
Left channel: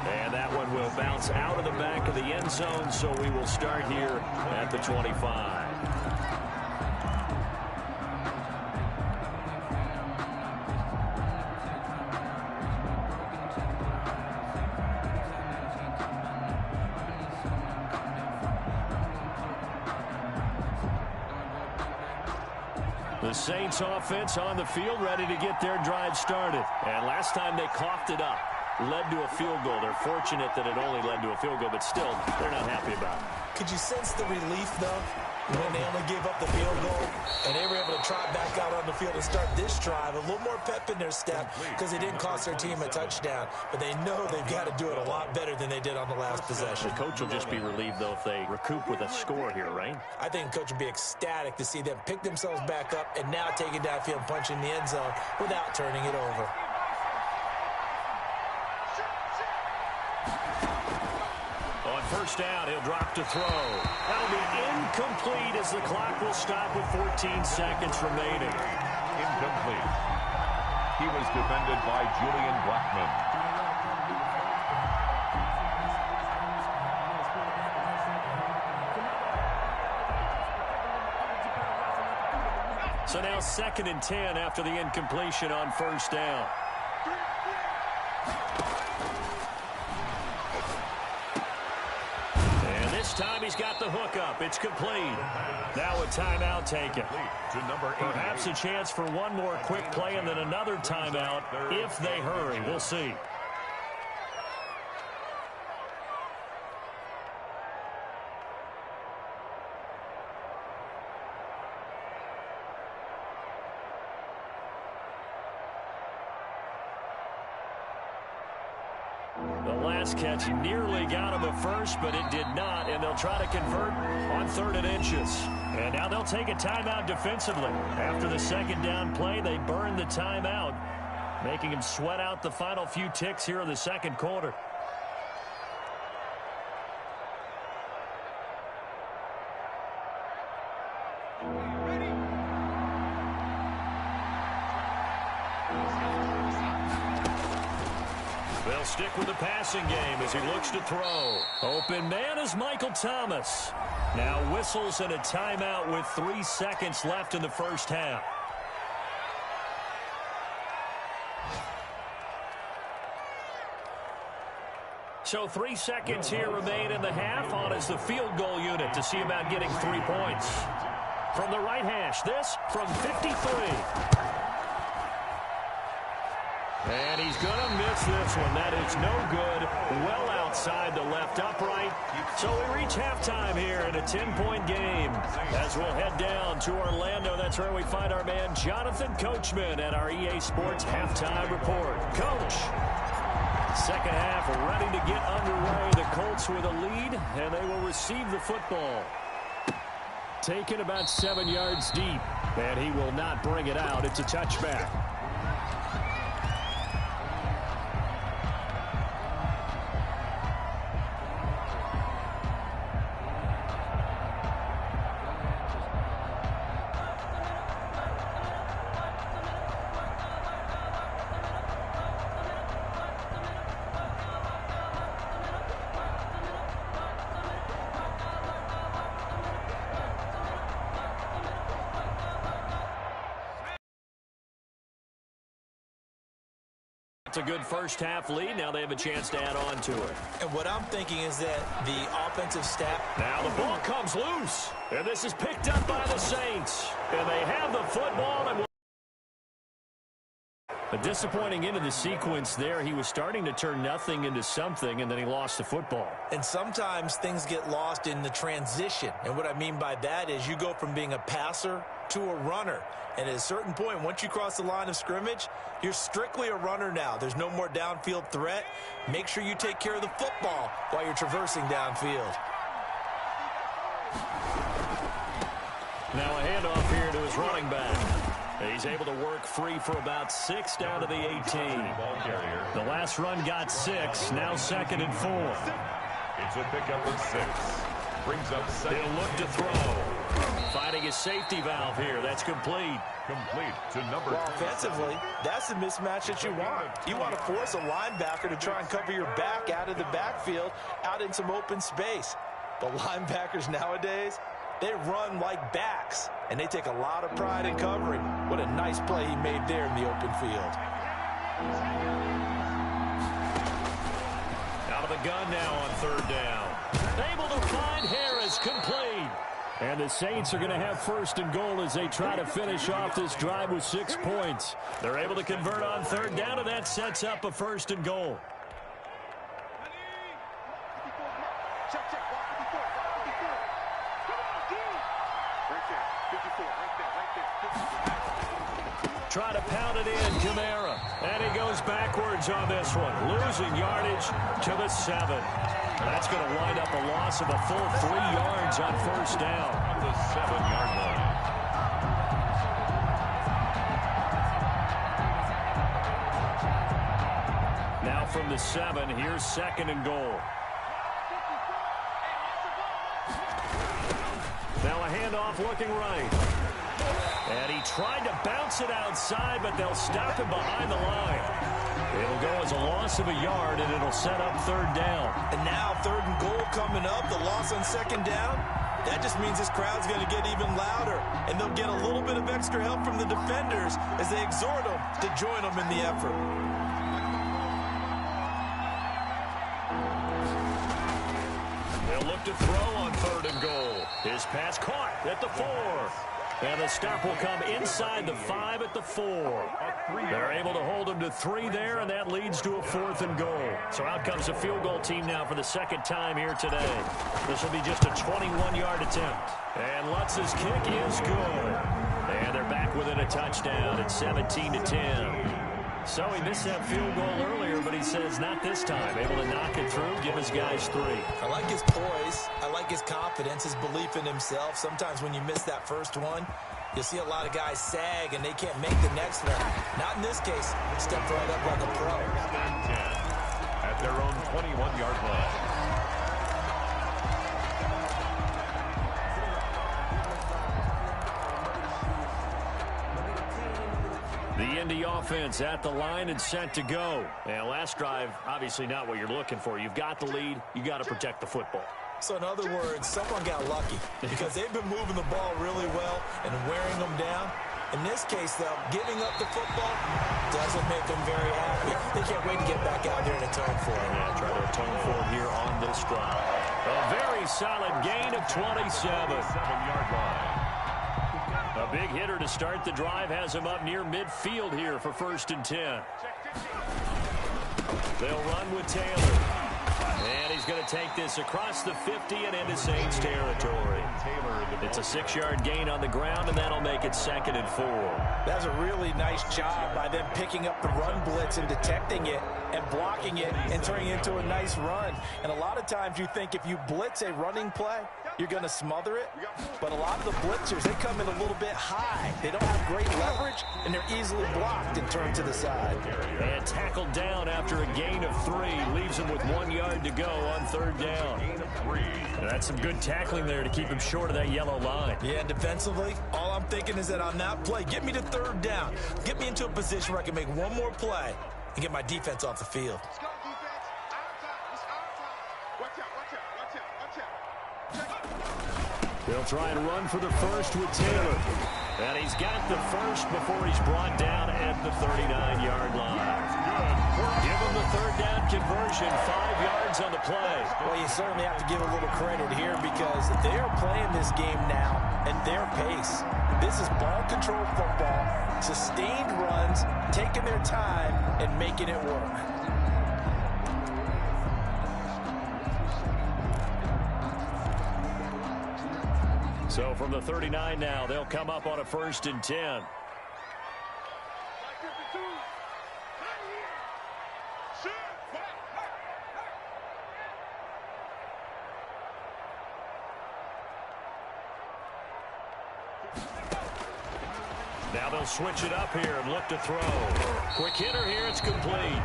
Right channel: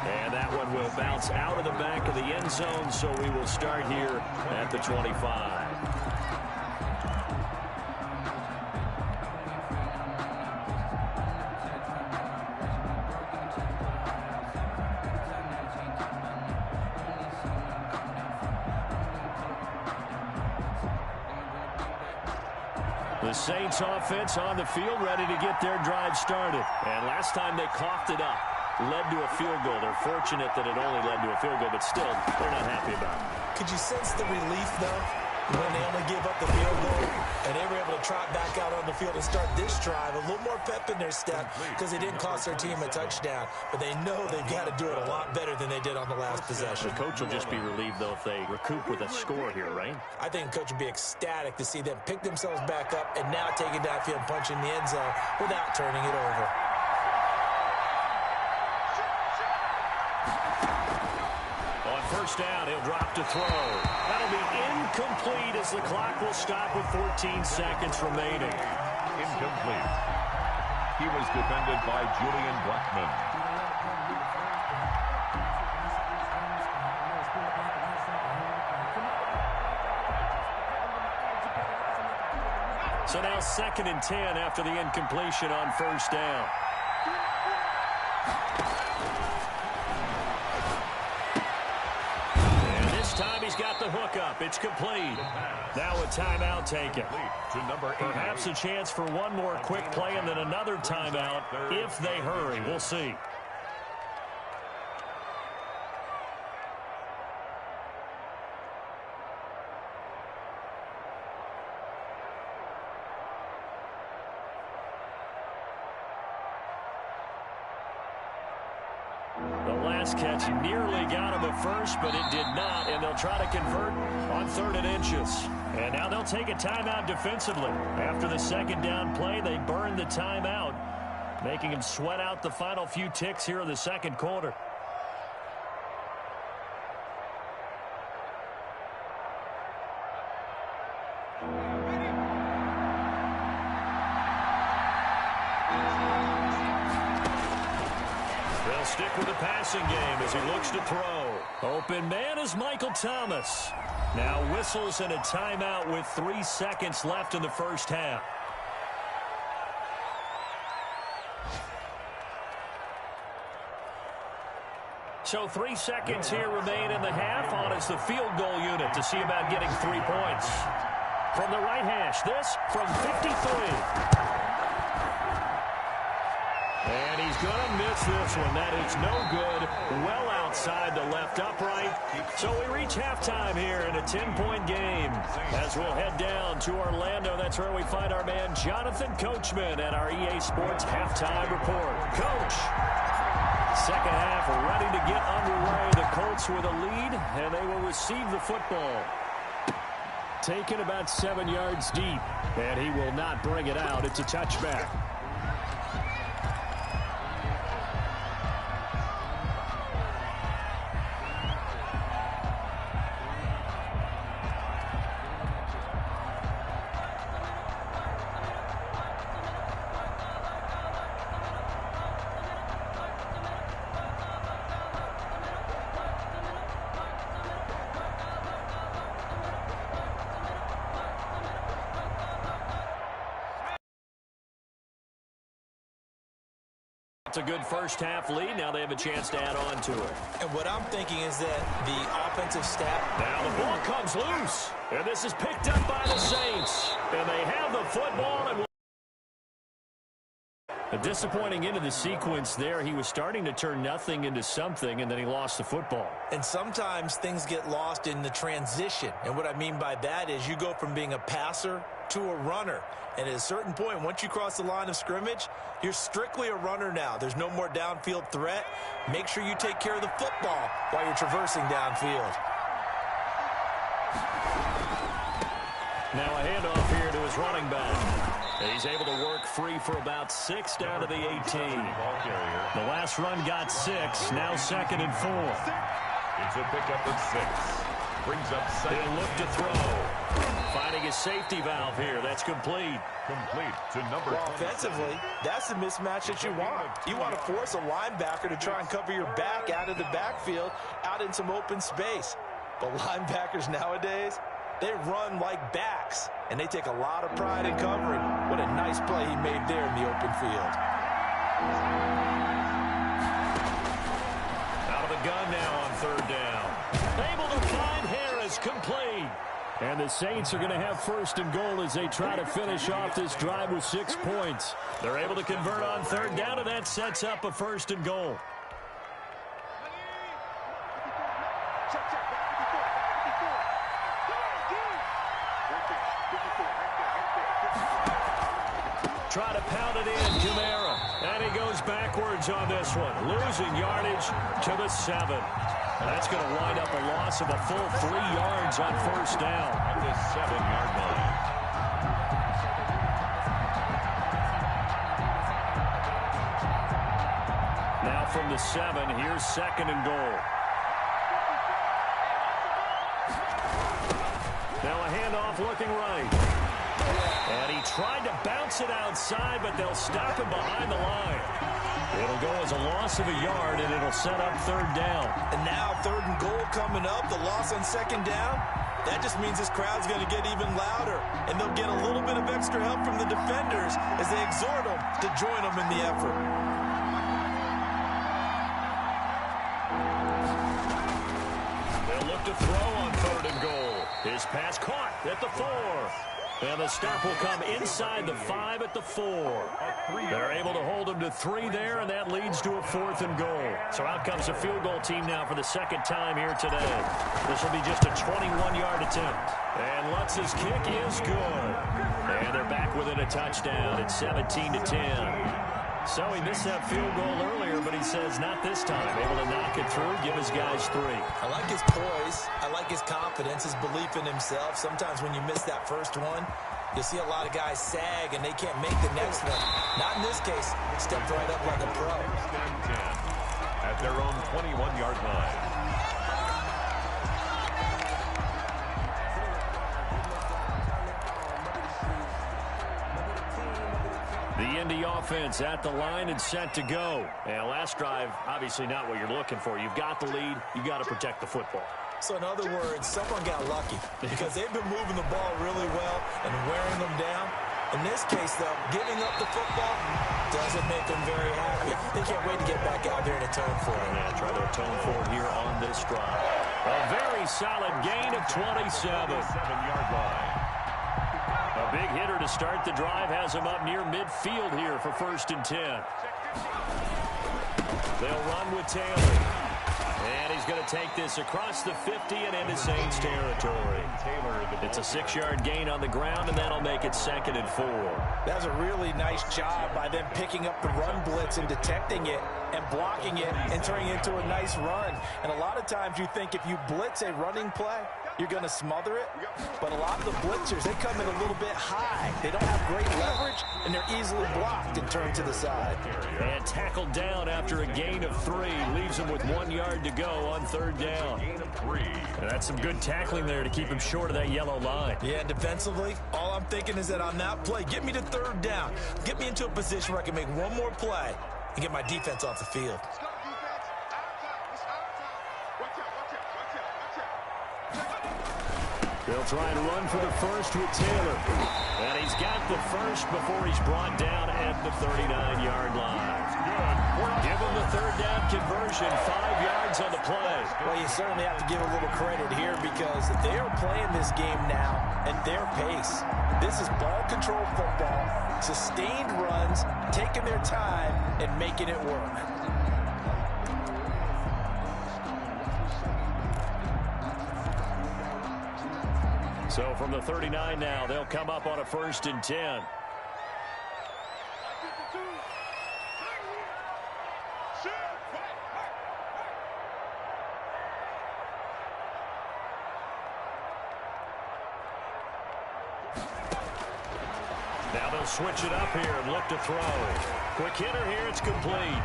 And that one will bounce out of the back of the end zone, so we will start here at the 25. The Saints offense on the field, ready to get their drive started. And last time they coughed it up, led to a field goal. They're fortunate that it only led to a field goal, but still, they're not happy about it. Could you sense the relief, though, when they only gave up the field goal and they were able to trot back out on the field and start this drive? A little more pep in their step because they didn't cost their team a touchdown, but they know they've got to do it a lot better than they did on the last possession. The coach will just be relieved, though, if they recoup with a score here, right? I think the coach would be ecstatic to see them pick themselves back up and now take it downfield and punch in the end zone without turning it over. first down. He'll drop to throw. That'll be incomplete as the clock will stop with 14 seconds remaining. Incomplete. He was defended by Julian Blackman. So now 2nd and 10 after the incompletion on first down. And this time he's got the hook up. It's complete. Now a timeout taken. Perhaps a chance for one more quick play and then another timeout if they hurry. We'll see. The last catch nearly got him at first, but it did not, and they'll try to convert on 3rd and inches. And now they'll take a timeout defensively. After the 2nd down play, they burned the timeout, making him sweat out the final few ticks here in the 2nd quarter. They'll stick with the passing game as he looks to throw. Open man is Michael Thomas. Now whistles and a timeout with 3 seconds left in the first half. So 3 seconds here remain in the half. On is the field goal unit to see about getting 3 points. From the right hash, this from 53. And he's going to miss this one. That is no good. Well outside the left upright. So we reach halftime here in a 10-point game. As we'll head down to Orlando, that's where we find our man Jonathan Coachman at our EA Sports Halftime Report. Coach, 2nd half ready to get underway. The Colts with a lead, and they will receive the football. Taken about 7 yards deep, and he will not bring it out. It's a touchback. It's a good first half lead. Now they have a chance to add on to it. And what I'm thinking is that the offensive staff. Now the ball comes loose. And this is picked up by the Saints. And they have the football. And a disappointing end of the sequence there. He was starting to turn nothing into something, and then he lost the football. And sometimes things get lost in the transition. And what I mean by that is you go from being a passer to a runner. And at a certain point, once you cross the line of scrimmage, you're strictly a runner now. There's no more downfield threat. Make sure you take care of the football while you're traversing downfield. Now a handoff here to his running back. He's able to work free for about 6 down to the 18. The last run got 6. Now 2nd and 4. It's a pickup of 6. Brings up 2nd. He'll look to throw. Finding his safety valve here. That's complete. Complete to number 10. Offensively, that's the mismatch that you want. You want to force a linebacker to try and cover your back out of the backfield, out in some open space. But linebackers nowadays, they run like backs, and they take a lot of pride in covering. What a nice play he made there in the open field. Out of the gun now on 3rd down. Able to find Harris, complete. And the Saints are going to have 1st and goal as they try to finish off this drive with 6 points. They're able to convert on 3rd down, and that sets up a 1st and goal. Check, check, block 54, block 54. Come on, D. Right there, 54, right there, right there. Try to pound it in, Kamara. And he goes backwards on this one, losing yardage to the 7. That's going to wind up a loss of a full 3 yards on 1st down. At the 7-yard line. Now from the 7, here's 2nd and goal. handoff looking right. And he tried to bounce it outside, but they'll stop him behind the line. It'll go as a loss of a yard, and it'll set up third down. And now 3rd and goal coming up, the loss on 2nd down. That just means this crowd's going to get even louder, and they'll get a little bit of extra help from the defenders as they exhort them to join them in the effort. They'll look to throw on 3rd and goal. His pass caught at the 4. And the stop will come inside the 5 at the 4. They're able to hold him to 3 there, and that leads to a 4th and goal. So out comes a field goal team now for the 2nd time here today. This will be just a 21-yard attempt. And Lutz's kick is good. And they're back within a touchdown at 17-10. So he missed that field goal earlier, but he says not this time. Able to knock it through, give his guys 3. I like his poise. I like his confidence, his belief in himself. Sometimes when you miss that first one, you'll see a lot of guys sag and they can't make the next one. Not in this case. Stepped right up like a pro. 10 at their own 21-yard line. The Indy offense at the line and set to go. And last drive, obviously not what you're looking for. You've got the lead. You got to protect the football. So in other words, someone got lucky because they've been moving the ball really well and wearing them down. In this case, though, giving up the football doesn't make them very happy. They can't wait to get back out there and atone for it. Yeah, try to atone for it here on this drive. A very solid gain of 27. 7-yard line. A big hitter to start the drive has him up near midfield here for 1st and 10. They'll run with Taylor. And he's going to take this across the 50 and into Saints territory. It's a 6-yard gain on the ground, and that'll make it 2nd and 4. That's a really nice job by them picking up the run blitz and detecting it and blocking it and turning it into a nice run. And a lot of times you think if you blitz a running play, you're going to smother it. But a lot of the blitzers, they come in a little bit high. They don't have great leverage, and they're easily blocked and turned to the side. And tackled down after a gain of 3. Leaves him with 1 yard to go on 3rd down. And that's some good tackling there to keep him short of that yellow line. Yeah, defensively, all I'm thinking is that on that play, get me to 3rd down. Get me into a position where I can make one more play and get my defense off the field. Let's go, defense. Our time. It's our time. Watch out, watch out, watch out, watch out. They'll try and run for the first with Taylor. And he's got the first before he's brought down at the 39-yard line. Give him the 3rd down conversion, 5 yards on the play. Well, you certainly have to give a little credit here because they are playing this game now at their pace. This is ball control football, sustained runs, taking their time, and making it work. So from the 39 now, they'll come up on a 1st and 10. Now they'll switch it up here and look to throw. Quick hitter here, it's complete.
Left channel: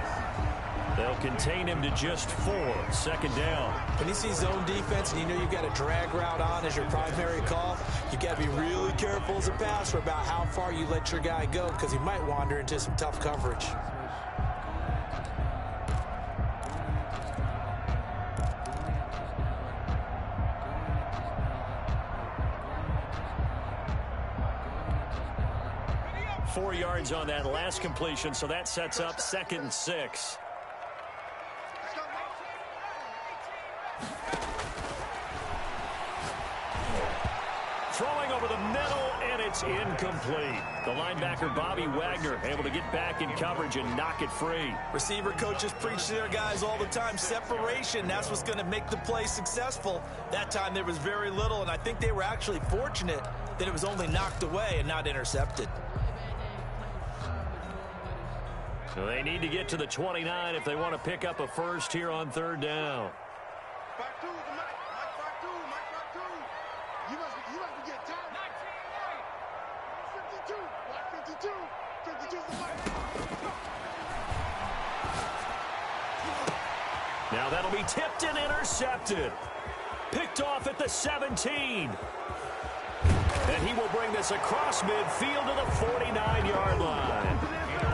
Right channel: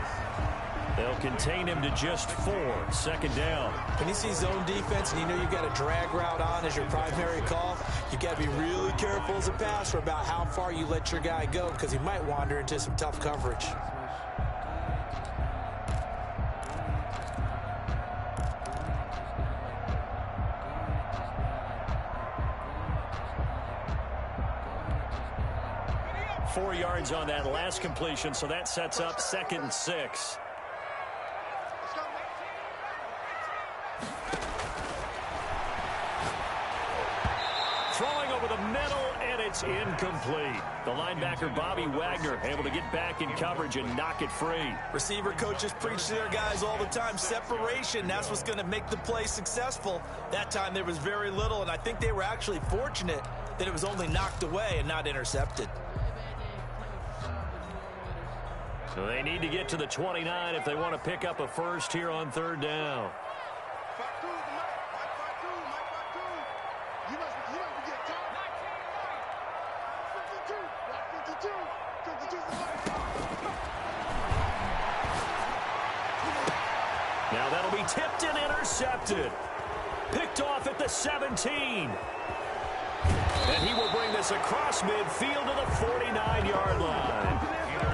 They'll contain him to just 4. 2nd down. When you see zone defense and you know you've got a drag route on as your primary call, you've got to be really careful as a passer about how far you let your guy go because he might wander into some tough coverage. Four yards on that last completion, so that sets up 2nd and 6. Throwing over the middle, and it's incomplete. The linebacker, Bobby Wagner, able to get back in coverage and knock it free. Receiver coaches preach to their guys all the time. Separation, that's what's going to make the play successful. That time there was very little, and I think they were actually fortunate that it was only knocked away and not intercepted. So they need to get to the 29 if they want to pick up a first here on 3rd down. You must be getting tired. 52. Block 52. 52 is the mic. Now that'll be tipped and intercepted. Picked off at the 17. will bring this across midfield to the 49-yard line.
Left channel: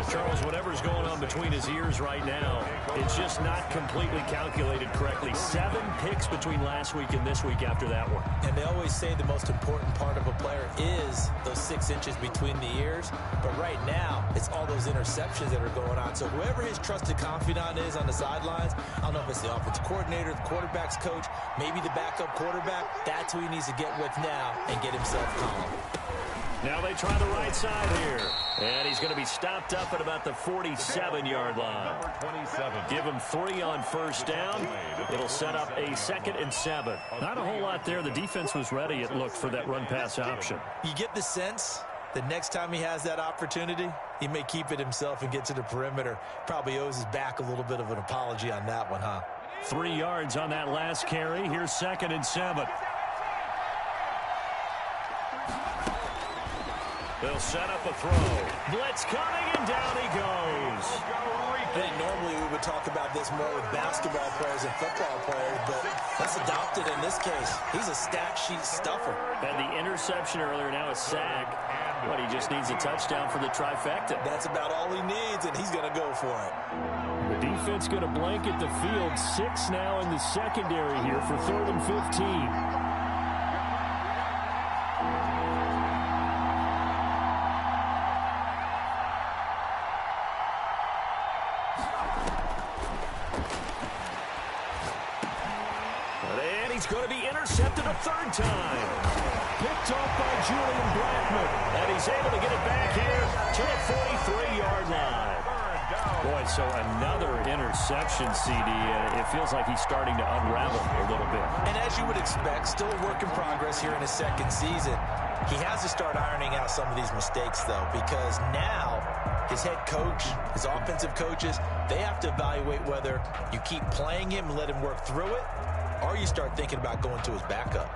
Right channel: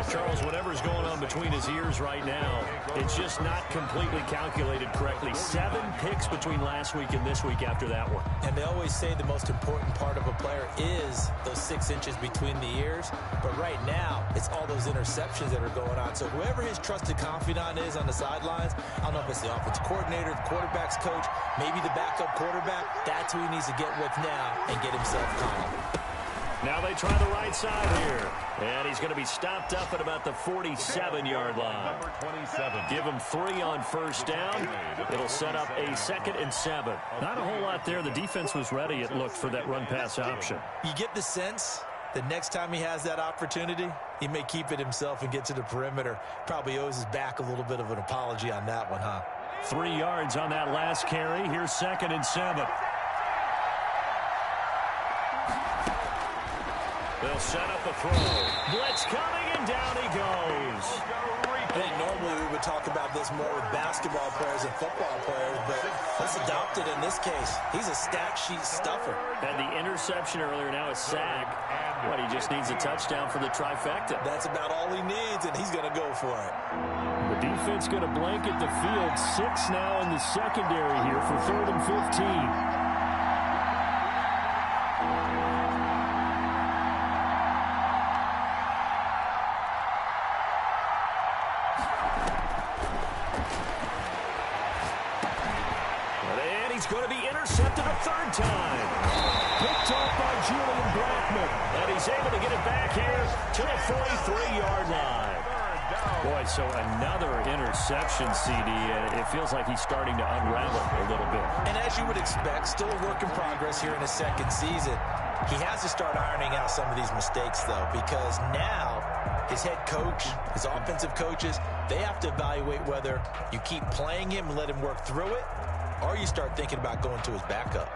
Charles, whatever's going on between his ears right now, it's just not completely calculated correctly. 7 picks between last week and this week after that one. And they always say the most important part of a player is those 6 inches between the ears. But right now, it's all those interceptions that are going on. So whoever his trusted confidant is on the sidelines, I don't know if it's the offensive coordinator, the quarterback's coach, maybe the backup quarterback, that's who he needs to get with now and get himself calm. Now they try the right side here. And he's going to be stopped up at about the 47-yard line. Number 27. Give him 3 on first down. It'll set up a 2nd and 7. Not a whole lot there. The defense was ready, it looked, for that run-pass option. You get the sense that next time he has that opportunity, he may keep it himself and get to the perimeter. Probably owes his back a little bit of an apology on that one, huh? 3 yards on that last carry. Here's 2nd and 7. They'll set up a throw. Blitz coming, and down he goes. I think normally we would talk about this more with basketball players and football players, but let's adopt it in this case. He's a stat sheet stuffer. Had the interception earlier, now a sack. But he just needs a touchdown for the trifecta. That's about all he needs, and he's going to go for it. The defense going to blanket the field. 6 now in the secondary here for 3rd and 15. Going to be intercepted a 3rd time. Picked off by Julian Blackman. And he's able to get it back here to the 43-yard line. Boy, so another interception, CD, and it feels like he's starting to unravel a little bit. And as you would expect, still a work in progress here in his 2nd season. He has to start ironing out some of these mistakes, though, because now his head coach, his offensive coaches, they have to evaluate whether you keep playing him and let him work through it, or you start thinking about going to his backup.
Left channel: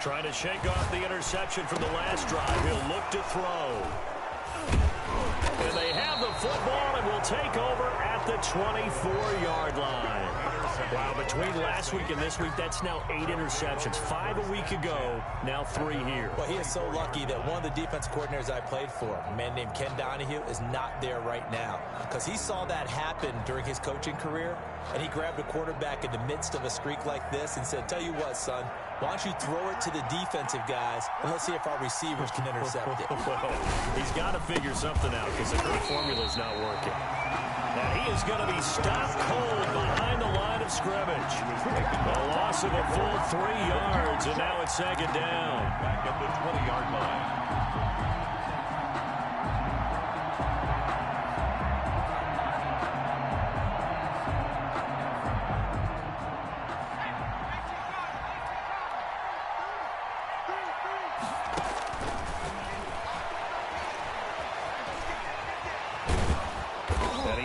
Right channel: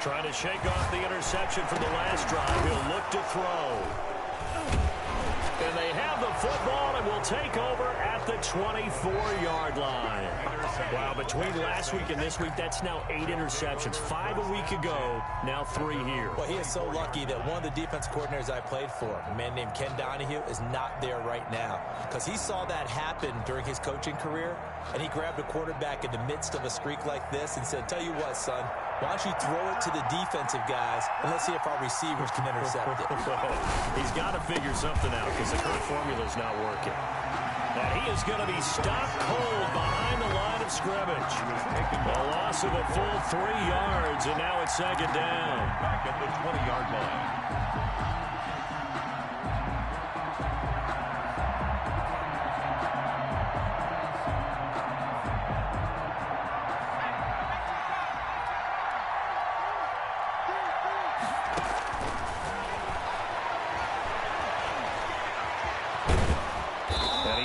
Trying to shake off the interception from the last drive. He'll look to throw. And they have the football and will take over at the 24-yard line. Wow, between last week and this week, that's now 8 interceptions. 5 a week ago, now 3 here. Well, he is so lucky that one of the defense coordinators I played for, a man named Ken Donahue, is not there right now. Because he saw that happen during his coaching career, and he grabbed a quarterback in the midst of a streak like this and said, tell you what, son, why don't you throw it to the defensive guys, and let's see if our receivers can intercept it. Well, he's got to figure something out because the current formula's not working. And he is going to be stopped cold behind the line of scrimmage. A loss of a full 3 yards, and now it's 2nd down. Back at the 20-yard line.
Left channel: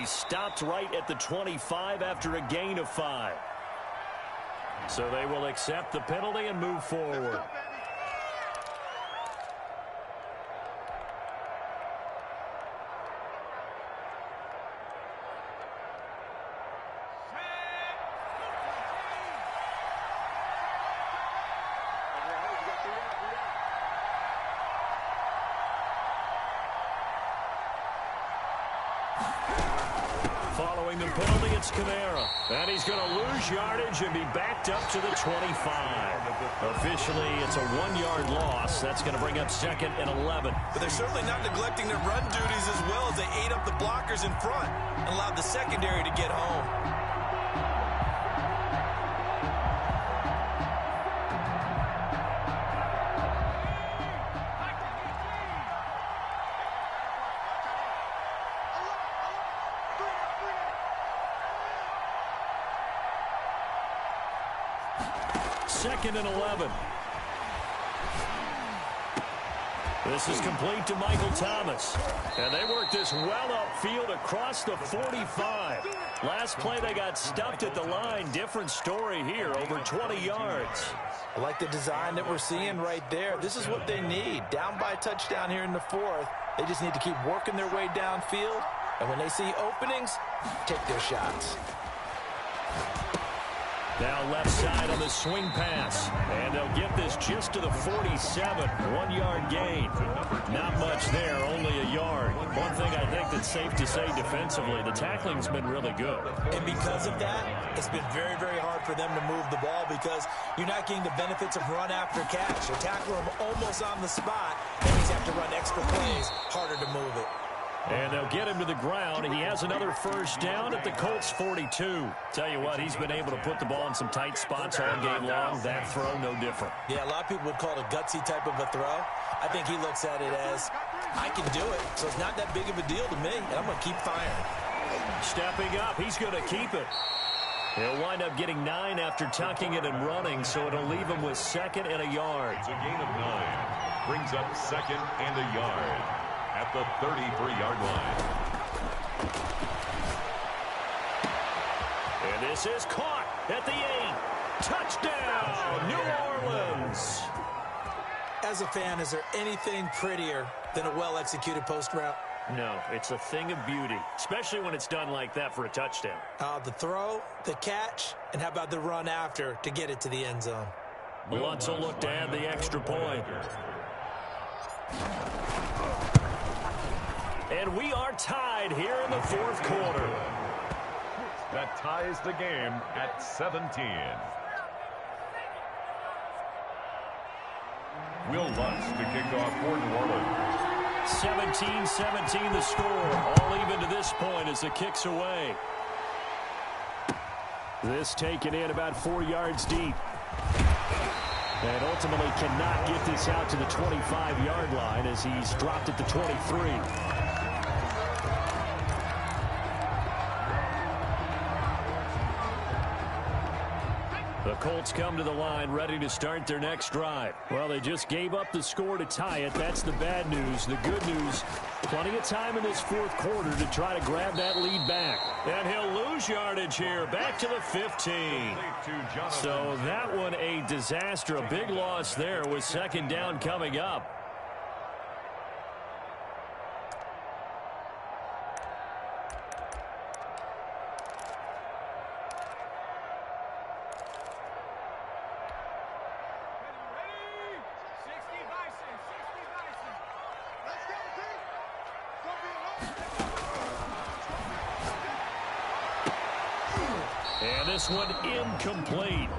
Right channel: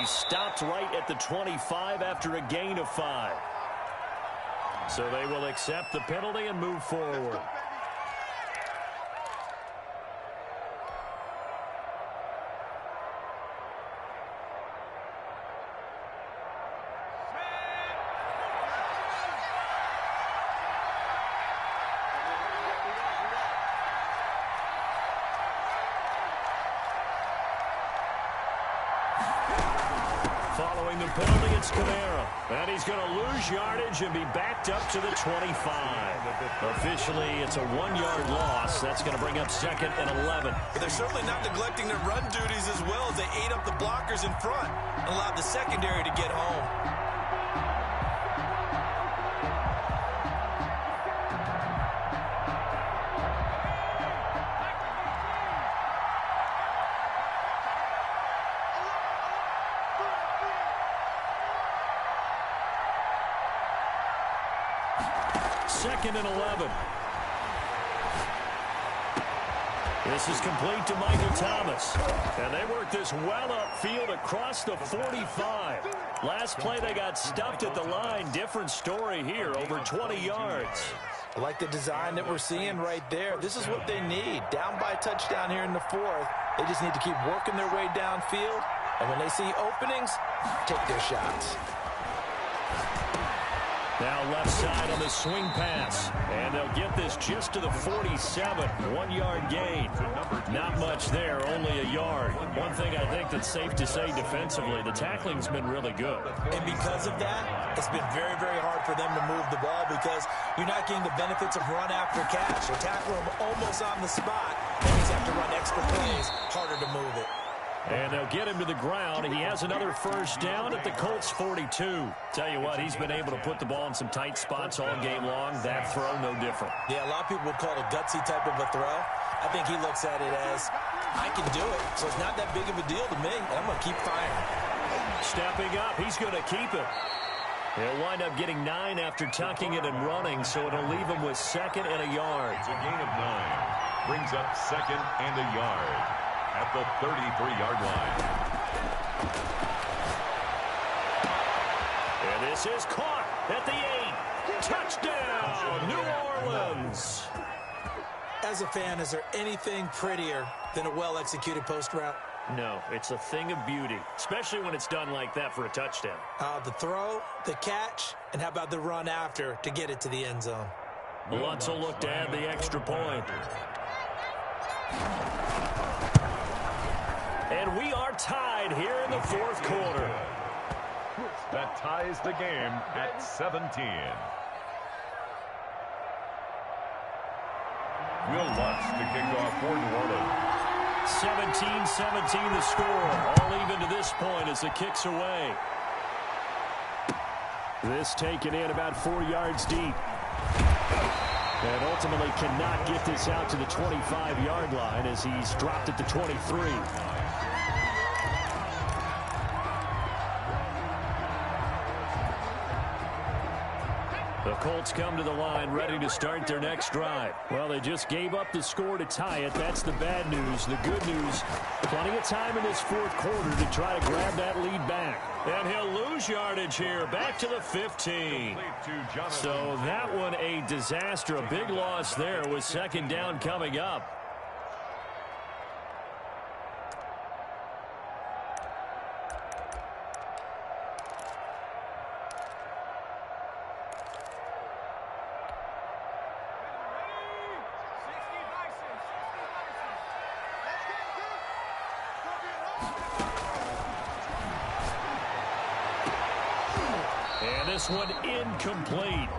Stopped right at the 25 after a gain of 5. So they will accept the penalty and move forward. Following the penalty, it's Kamara. And he's going to lose yardage and be backed up to the 25. Officially, it's a 1-yard loss. That's going to bring up 2nd and 11. But they're certainly not neglecting their run duties as well as they ate up the blockers in front and allowed the secondary to get home. This is complete to Michael Thomas. And they work this well upfield across the 45. Last play they got stuffed at the line. Different story here, over 20 yards. I like the design that we're seeing right there. This is what they need. Down by a touchdown here in the fourth. They just need to keep working their way downfield. And when they see openings, take their shots. Now left side on the swing pass. And they'll get this just to the 47. 1 yard gain. Not much there, only a yard. One thing I think that's safe to say defensively, the tackling's been really good. And because of that, it's been very, very hard for them to move the ball because you're not getting the benefits of run after catch. They tackle him almost on the spot, and he's have to run extra plays, harder to move it. And they'll get him to the ground. He has another first down at the Colts 42. Tell you what, he's been able to put the ball in some tight spots all game long. That throw, no different. Yeah, a lot of people would call it a gutsy type of a throw. I think he looks at it as, I can do it, so it's not that big of a deal to me, and I'm going to keep firing. Stepping up, he's going to keep it. He'll wind up getting 9 after tucking it and running, so it'll leave him with 2nd and a yard. It's a gain of 9. Brings up 2nd and a yard at the 33-yard line. And this is caught at the 8. Touchdown, New Orleans. As a fan, is there anything prettier than a well-executed post route? No, it's a thing of beauty, especially when it's done like that for a touchdown. The throw, the catch, and how about the run after to get it to the end zone? Lutz will look to add the extra point. And we are tied here in the fourth quarter. That ties the game at 17. Will Lutz to kick off for New Orleans. 17-17 the score. All even to this point as the kick's away. This taken in about 4 yards deep. And ultimately cannot get this out to the 25-yard line as he's dropped at the 23. The Colts come to the line ready to start their next drive. Well, they just gave up the score to tie it. That's the bad news. The good news, plenty of time in this fourth quarter to try to grab that lead back. And he'll lose yardage here, back to the 15. So that one a disaster, a big loss there with 2nd down coming up. This one incomplete.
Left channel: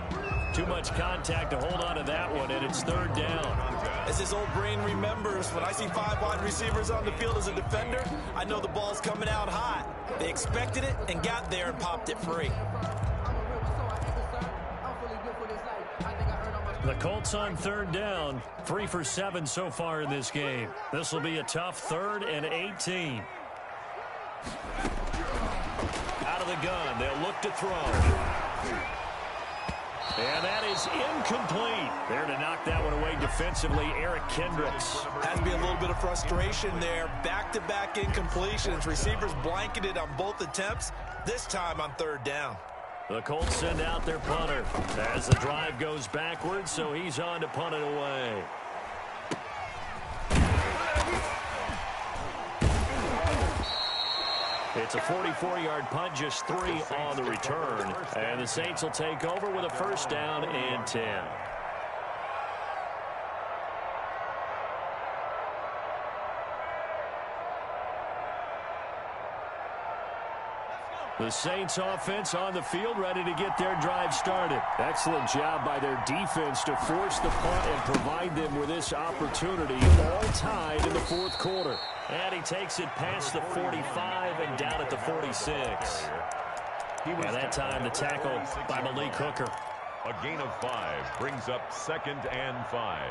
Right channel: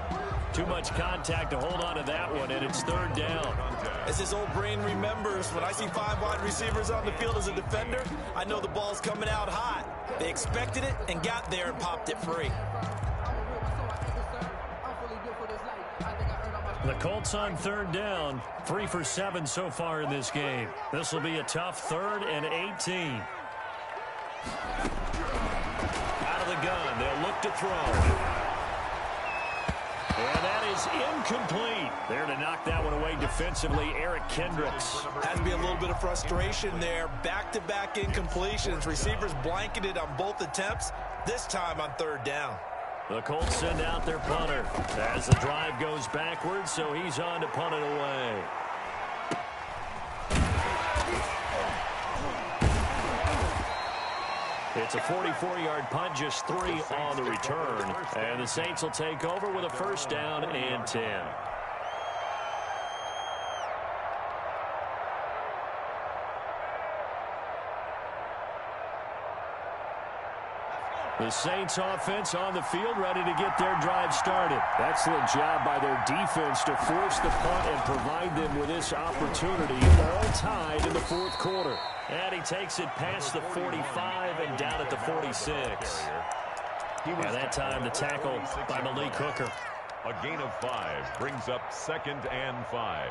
Too much contact to hold on to that one, and it's 3rd down. As his old brain remembers, when I see 5 wide receivers on the field as a defender, I know the ball's coming out hot. They expected it and got there and popped it free. The Colts on 3rd down, 3 for 7 so far in this game. This will be a tough 3rd and 18. Out of the gun, they'll look to throw. And that is incomplete. There to knock that one away defensively, Eric Kendricks. Has to be a little bit of frustration there. Back-to-back incompletions. Receivers blanketed on both attempts, this time on 3rd down. The Colts send out their punter as the drive goes backwards, so he's on to punt it away. It's a 44-yard punt, just 3 on the return. And the Saints will take over with a 1st down and 10. The Saints offense on the field ready to get their drive started. Excellent job by their defense to force the punt and provide them with this opportunity. All tied in the fourth quarter. And he takes it past the 45 and down at the 46. And that time the tackle by Malik Hooker. A gain of 5 brings up 2nd and 5.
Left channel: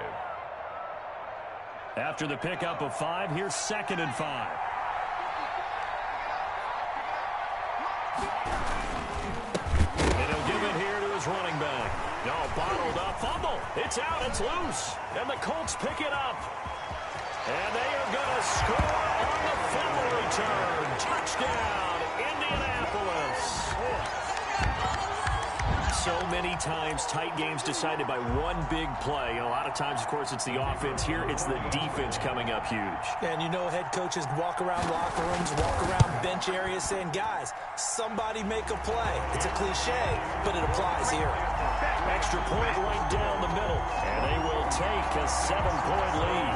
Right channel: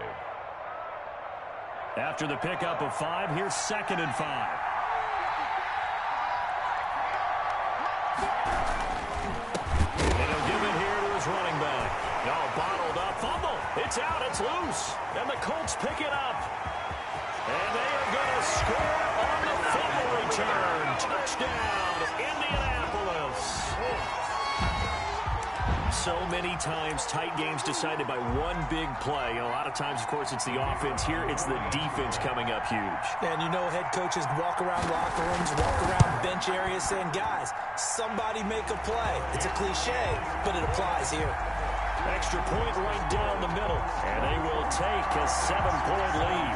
After the pickup of 5, here's 2nd and 5. And he'll give it here to his running back. No, bottled up, fumble. It's out, it's loose. And the Colts pick it up. And they are going to score on the fumble return. Touchdown, Indianapolis. So many times tight games decided by one big play. A lot of times, of course, it's the offense. Here, it's the defense coming up huge. And you know head coaches walk around locker rooms, walk around bench areas saying, guys, somebody make a play. It's a cliche, but it applies here. Extra point right down the middle. And they will take a 7-point lead.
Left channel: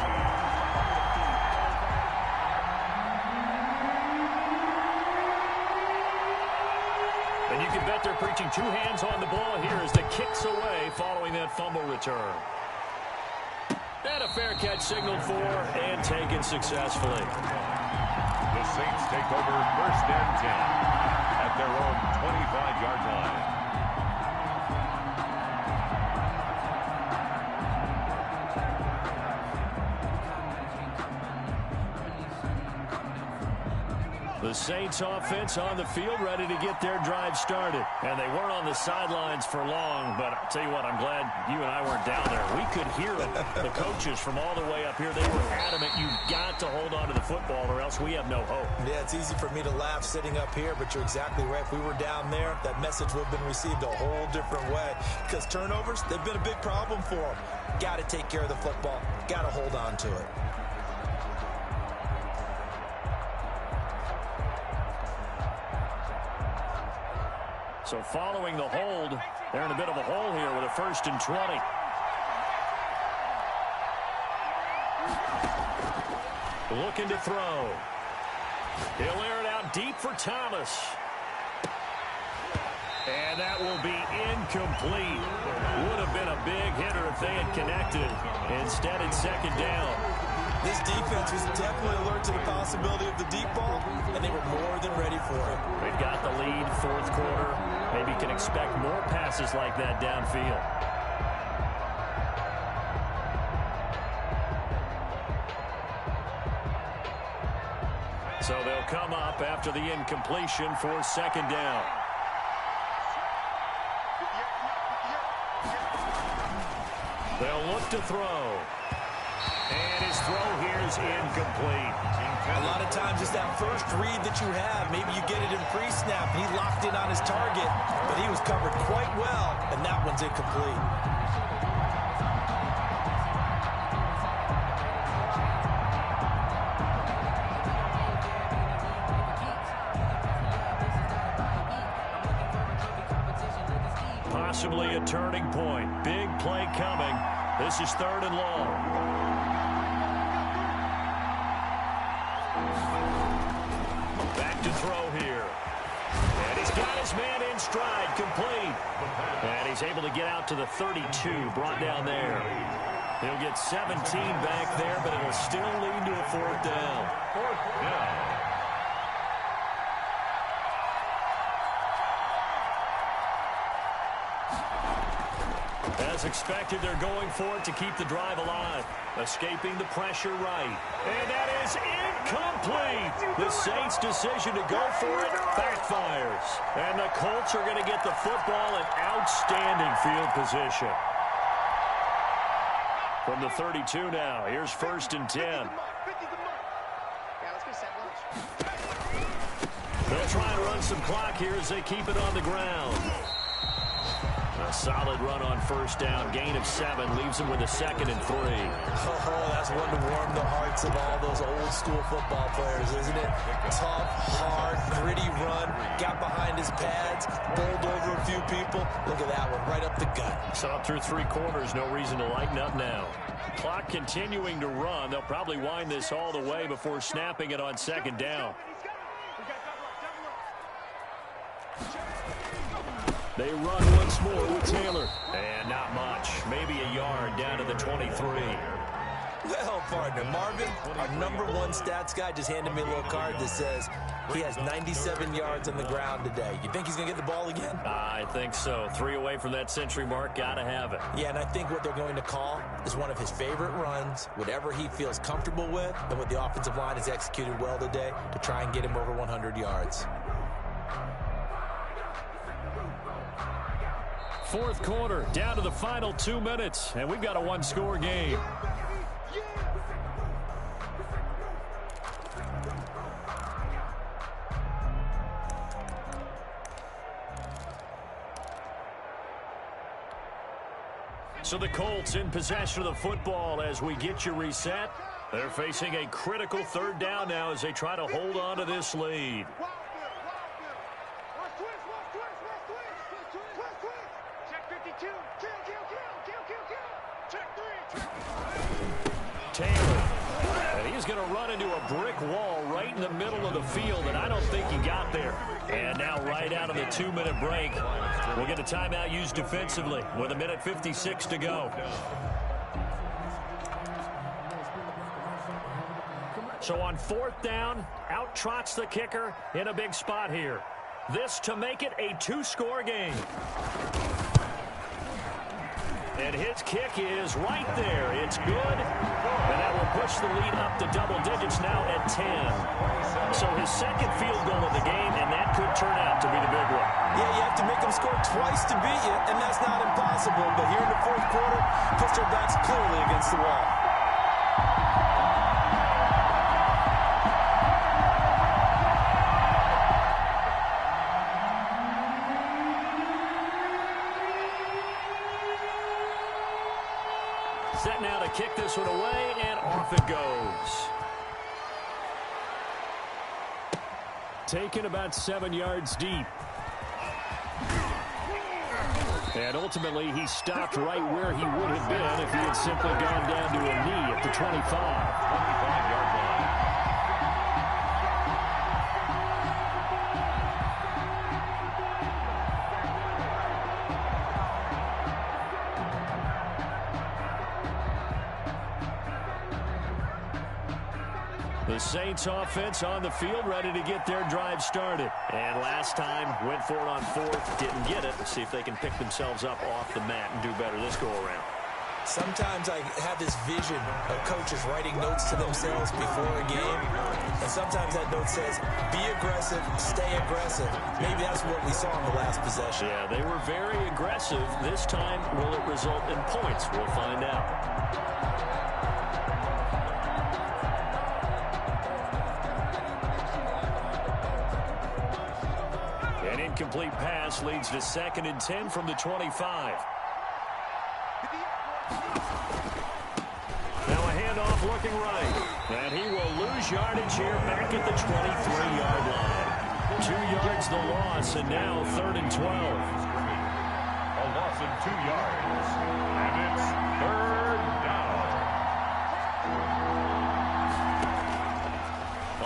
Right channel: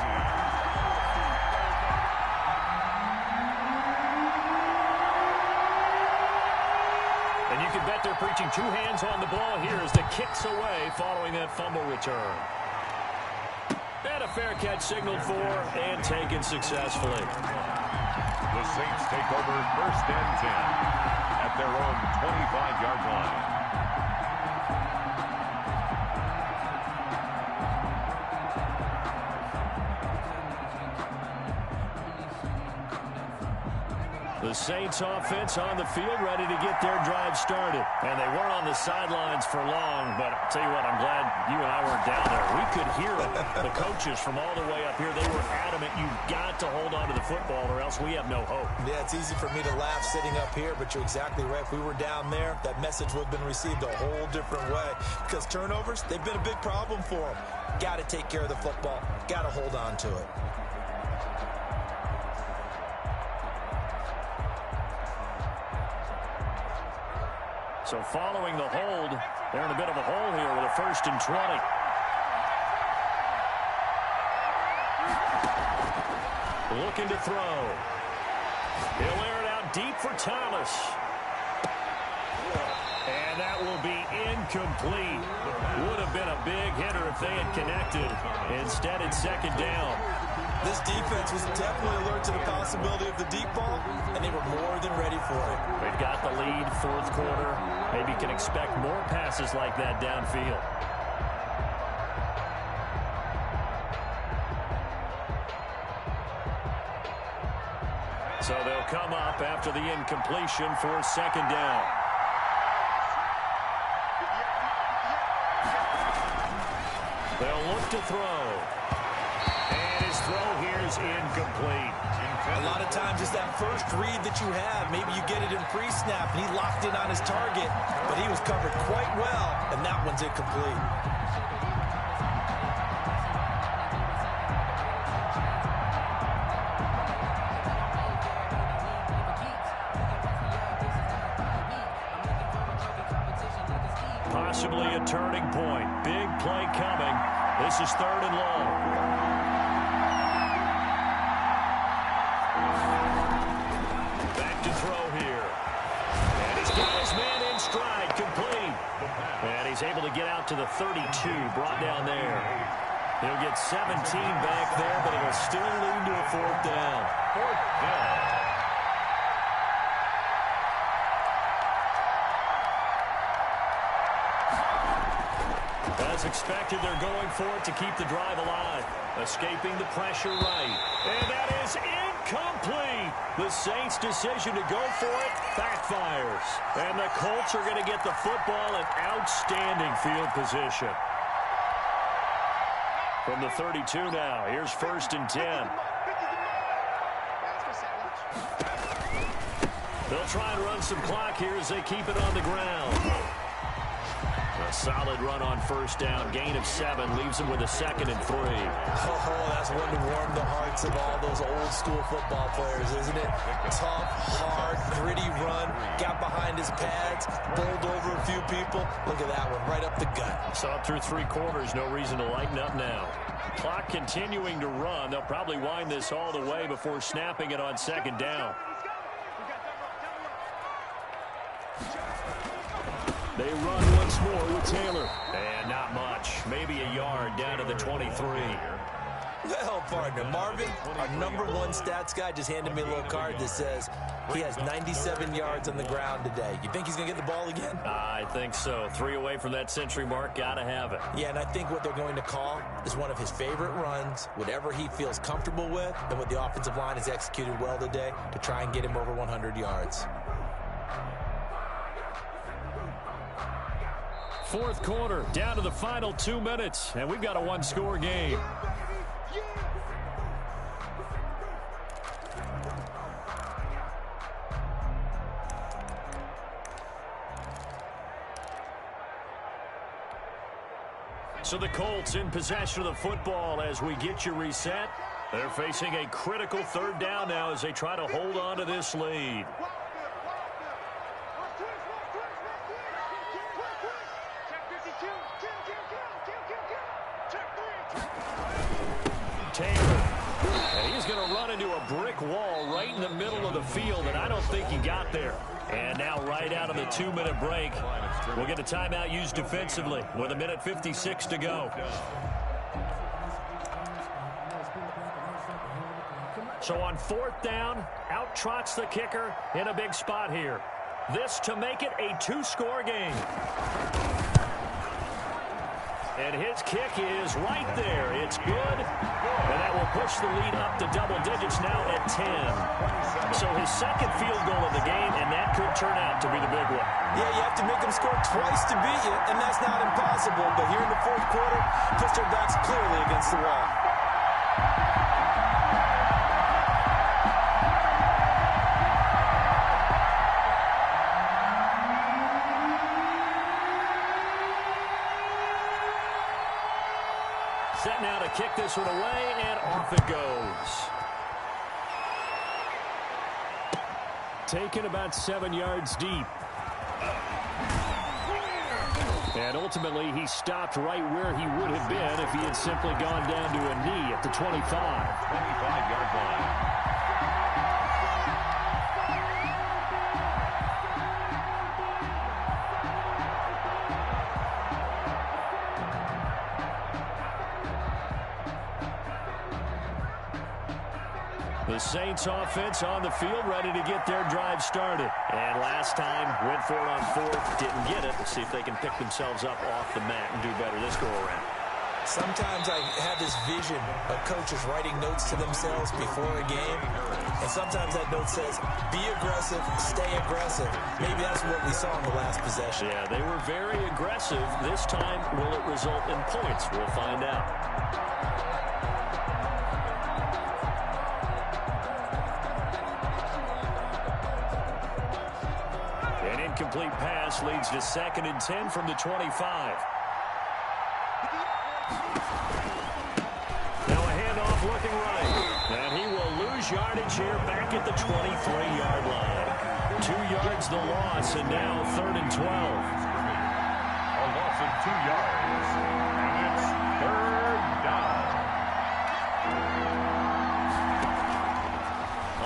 And you can bet they're preaching two hands on the ball here as the kick's away following that fumble return. And a fair catch signaled for and taken successfully. The Saints take over 1st and 10 at their own 25-yard line. The Saints offense on the field ready to get their drive started. And they weren't on the sidelines for long, but I'll tell you what, I'm glad you and I weren't down there. We could hear them. The coaches from all the way up here, they were adamant, you've got to hold on to the football or else we have no hope. Yeah, it's easy for me to laugh sitting up here, but you're exactly right. If we were down there, that message would have been received a whole different way. Because turnovers, they've been a big problem for them. Got to take care of the football. Got to hold on to it. So following the hold, they're in a bit of a hole here with a 1st and 20. Looking to throw. He'll air it out deep for Thomas. And that will be incomplete. Would have been a big hitter if they had connected. Instead, it's 2nd down. This defense was definitely alert to the possibility of the deep ball, and they were more than ready for it. They've got the lead, 4th quarter. Maybe can expect more passes like that downfield. So they'll come up after the incompletion for 2nd down. They'll look to throw. And his throw here is incomplete. A lot of times it's that first read that you have. Maybe you get it in pre-snap, and he locked in on his target, but he was covered quite well, and that one's incomplete. Possibly a turning point. Big play coming. This is 3rd and long. Back to throw here. And he's got his man in stride, complete. And he's able to get out to the 32, brought down there. He'll get 17 back there, but it'll still lead to a 4th down. 4th down. As expected, they're going for it to keep the drive alive. Escaping the pressure right. And that is incomplete. The Saints' decision to go for it backfires. And the Colts are going to get the football in outstanding field position. From the 32 now, here's 1st and 10. They'll try and run some clock here as they keep it on the ground. A solid run on 1st down. Gain of 7 leaves them with a 2nd and 3. Oh, that's one to warm the hearts of all those old-school football players, isn't it? Tough, hard, gritty run. Got behind his pads, bowled over a few people. Look at that one, right up the gut. So up through 3 quarters, no reason to lighten up now. Clock continuing to run. They'll probably wind this all the way before snapping it on 2nd down. They run once more with Taylor. And not much. Maybe a yard down to the 23. Well, partner, Marvin, our #1 stats guy just handed me a little card that says he has 97 yards on the ground today. You think he's going to get the ball again? I think so. 3 away from that century mark. Got to have it. Yeah, and I think what they're going to call is one of his favorite runs, whatever he feels comfortable with, and what the offensive line has executed well today to try and get him over 100 yards. 4th quarter, down to the final 2 minutes, and we've got a 1-score game. So the Colts in possession of the football as we get you reset. They're facing a critical third down now as they try to hold on to this lead. Taylor. And he's going to run into a brick wall right in the middle of the field, and I don't think he got there. And now right out of the 2-minute break, we'll get a timeout used defensively with 1:56 to go. So on 4th down, out trots the kicker in a big spot here. This to make it a 2-score game. And his kick is right there. It's good. And that will push the lead up to double digits now at 10. So his second field goal of the game, and that could turn out to be the big one. Yeah, you have to make them score twice to beat you, and that's not impossible. But here in the 4th quarter, puts their backs clearly against the wall. Set now to kick this one away, and off it goes. Taken about 7 yards deep. And ultimately, he stopped right where he would have been if he had simply gone down to a knee at the 25. 25-yard line. The Saints offense on the field, ready to get their drive started. And last time, went for it on 4th, didn't get it. Let's see if they can pick themselves up off the mat and do better this go-around. Sometimes I have this vision of coaches writing notes to themselves before a game. And sometimes that note says, be aggressive, stay aggressive. Maybe that's what we saw in the last possession. Yeah, they were very aggressive. This time, will it result in points? We'll find out. An incomplete pass leads to 2nd and 10 from the 25. Now a handoff looking right. And he will lose yardage here back at the 23-yard line. 2 yards the loss, and now 3rd and 12. A loss of 2 yards. And it's 3rd down.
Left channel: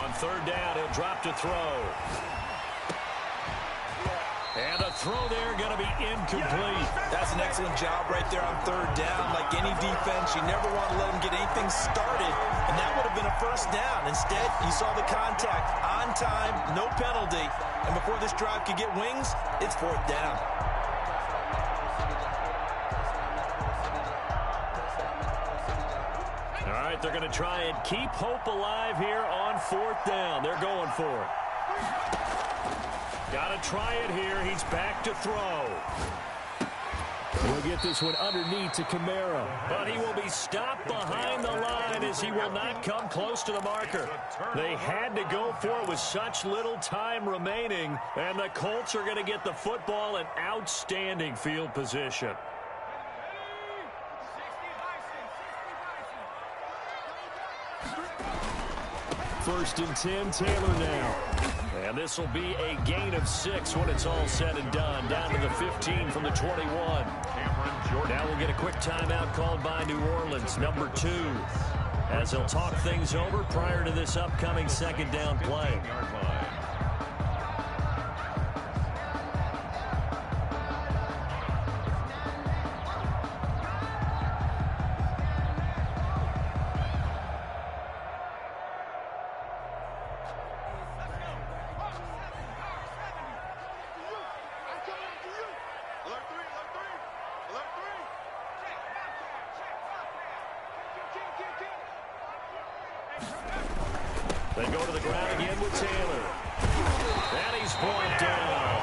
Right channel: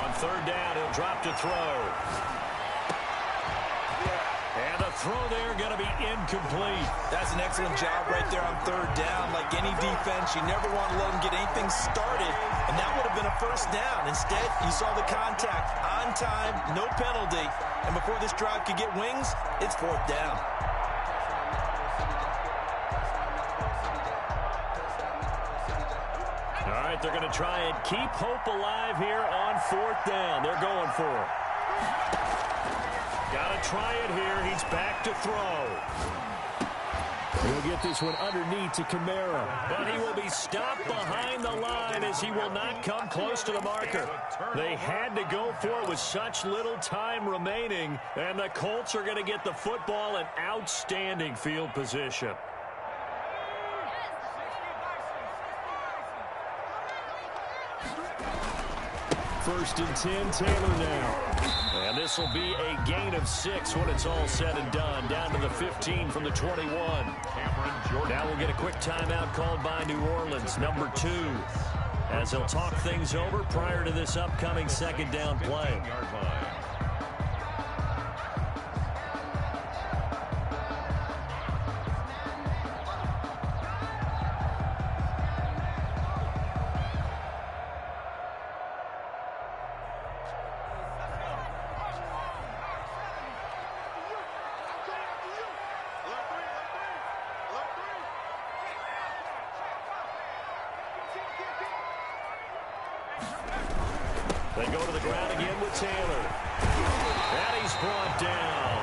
On 3rd down, he'll drop to throw. And a throw there going to be incomplete. That's an excellent job right there on 3rd down. Like any defense, you never want to let them get anything started, and that would have been a 1st down. Instead, you saw the contact on time, no penalty, and before this drive could get wings, it's 4th down. All right, they're going to try and keep hope alive here on 4th down. They're going for it. Got to try it here. He's back to throw. He'll get this one underneath to Kamara. But he will be stopped behind the line as he will not come close to the marker. They had to go for it with such little time remaining. And the Colts are going to get the football in outstanding field position. First and 10, Taylor now. And this will be a gain of 6 when it's all said and done. Down to the 15 from the 21. Now we'll get a quick timeout called by New Orleans, number 2. As they'll talk things over prior to this upcoming 2nd down play. They go to the ground again with Taylor. And he's brought down.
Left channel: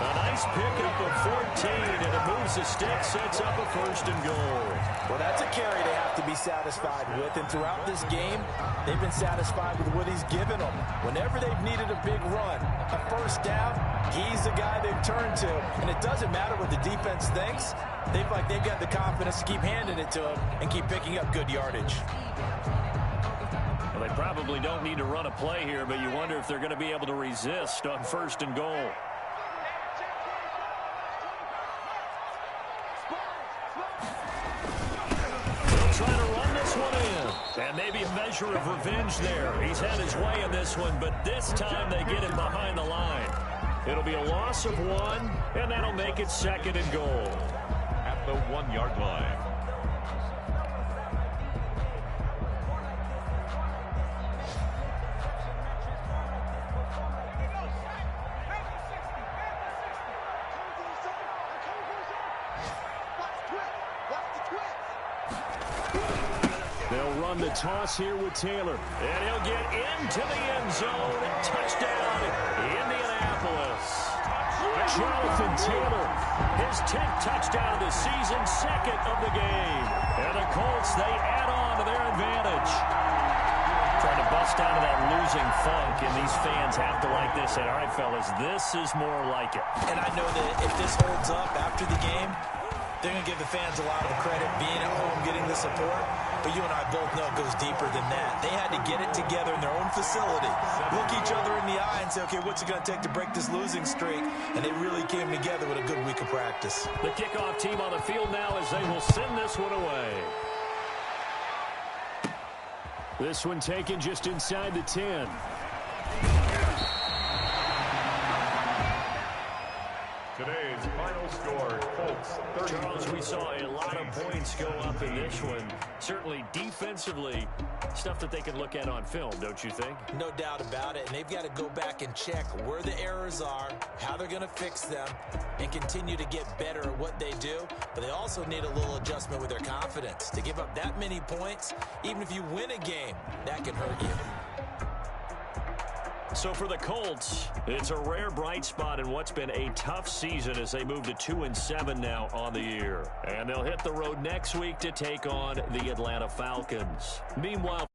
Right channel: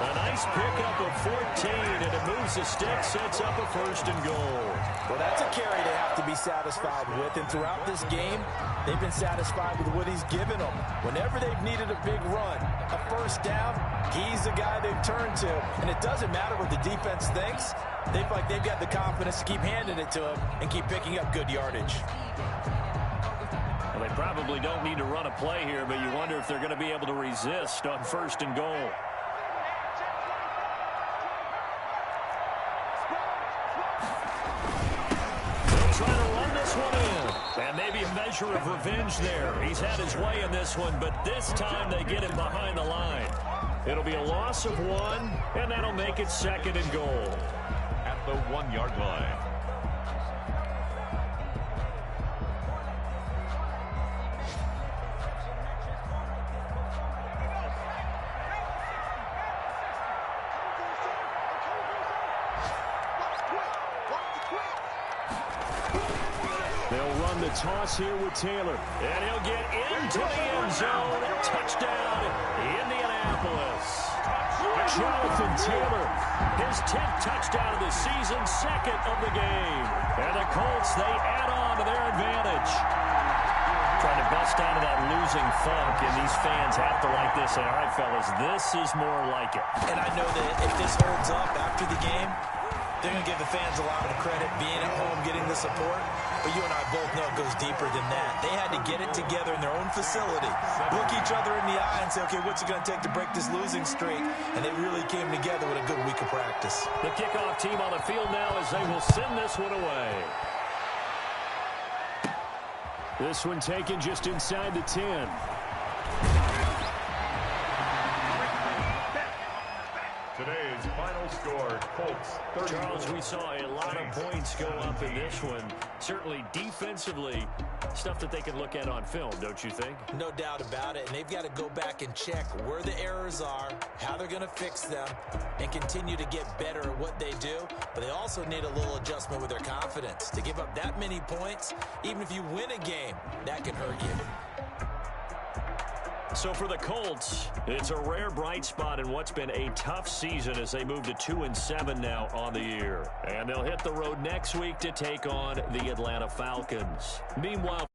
A nice pickup of 14, and it moves the stick, sets up a 1st and goal. Well, that's a carry they have to be satisfied with, and throughout this game, they've been satisfied with what he's given them. Whenever they've needed a big run, a 1st down, he's the guy they've turned to. And it doesn't matter what the defense thinks. They've got the confidence to keep handing it to him and keep picking up good yardage. Well, they probably don't need to run a play here, but you wonder if they're going to be able to resist on 1st and goal. They'll try to run this one in. And maybe a measure of revenge there. He's had his way in this one, but this time they get him behind the line. It'll be a loss of 1, and that'll make it 2nd and goal. At the 1-yard line. They'll run the toss here with Taylor. And he'll get into the end zone. Touchdown, Indianapolis. Jonathan Taylor, his 10th touchdown of the season, 2nd of the game. And the Colts, they add on to their advantage. Trying to bust out of that losing funk, and these fans have to like this. And all right, fellas, this is more like it. And I know that if this holds up after the game, they're going to give the fans a lot of credit being at home, getting the support. But you and I both know it goes deeper than that. They had to get it together in their own facility, look each other in the eye and say, okay, what's it going to take to break this losing streak? And they really came together with a good week of practice. The kickoff team on the field now as they will send this one away. This one taken just inside the 10. Today's final score, Colts 30. Charles, we saw a lot of points go up in this one. Certainly defensively, stuff that they can look at on film, don't you think? No doubt about it. And they've got to go back and check where the errors are, how they're going to fix them, and continue to get better at what they do. But they also need a little adjustment with their confidence. To give up that many points, even if you win a game, that can hurt you. So for the Colts, it's a rare bright spot in what's been a tough season as they move to 2-7 now on the year. And they'll hit the road next week to take on the Atlanta Falcons. Meanwhile,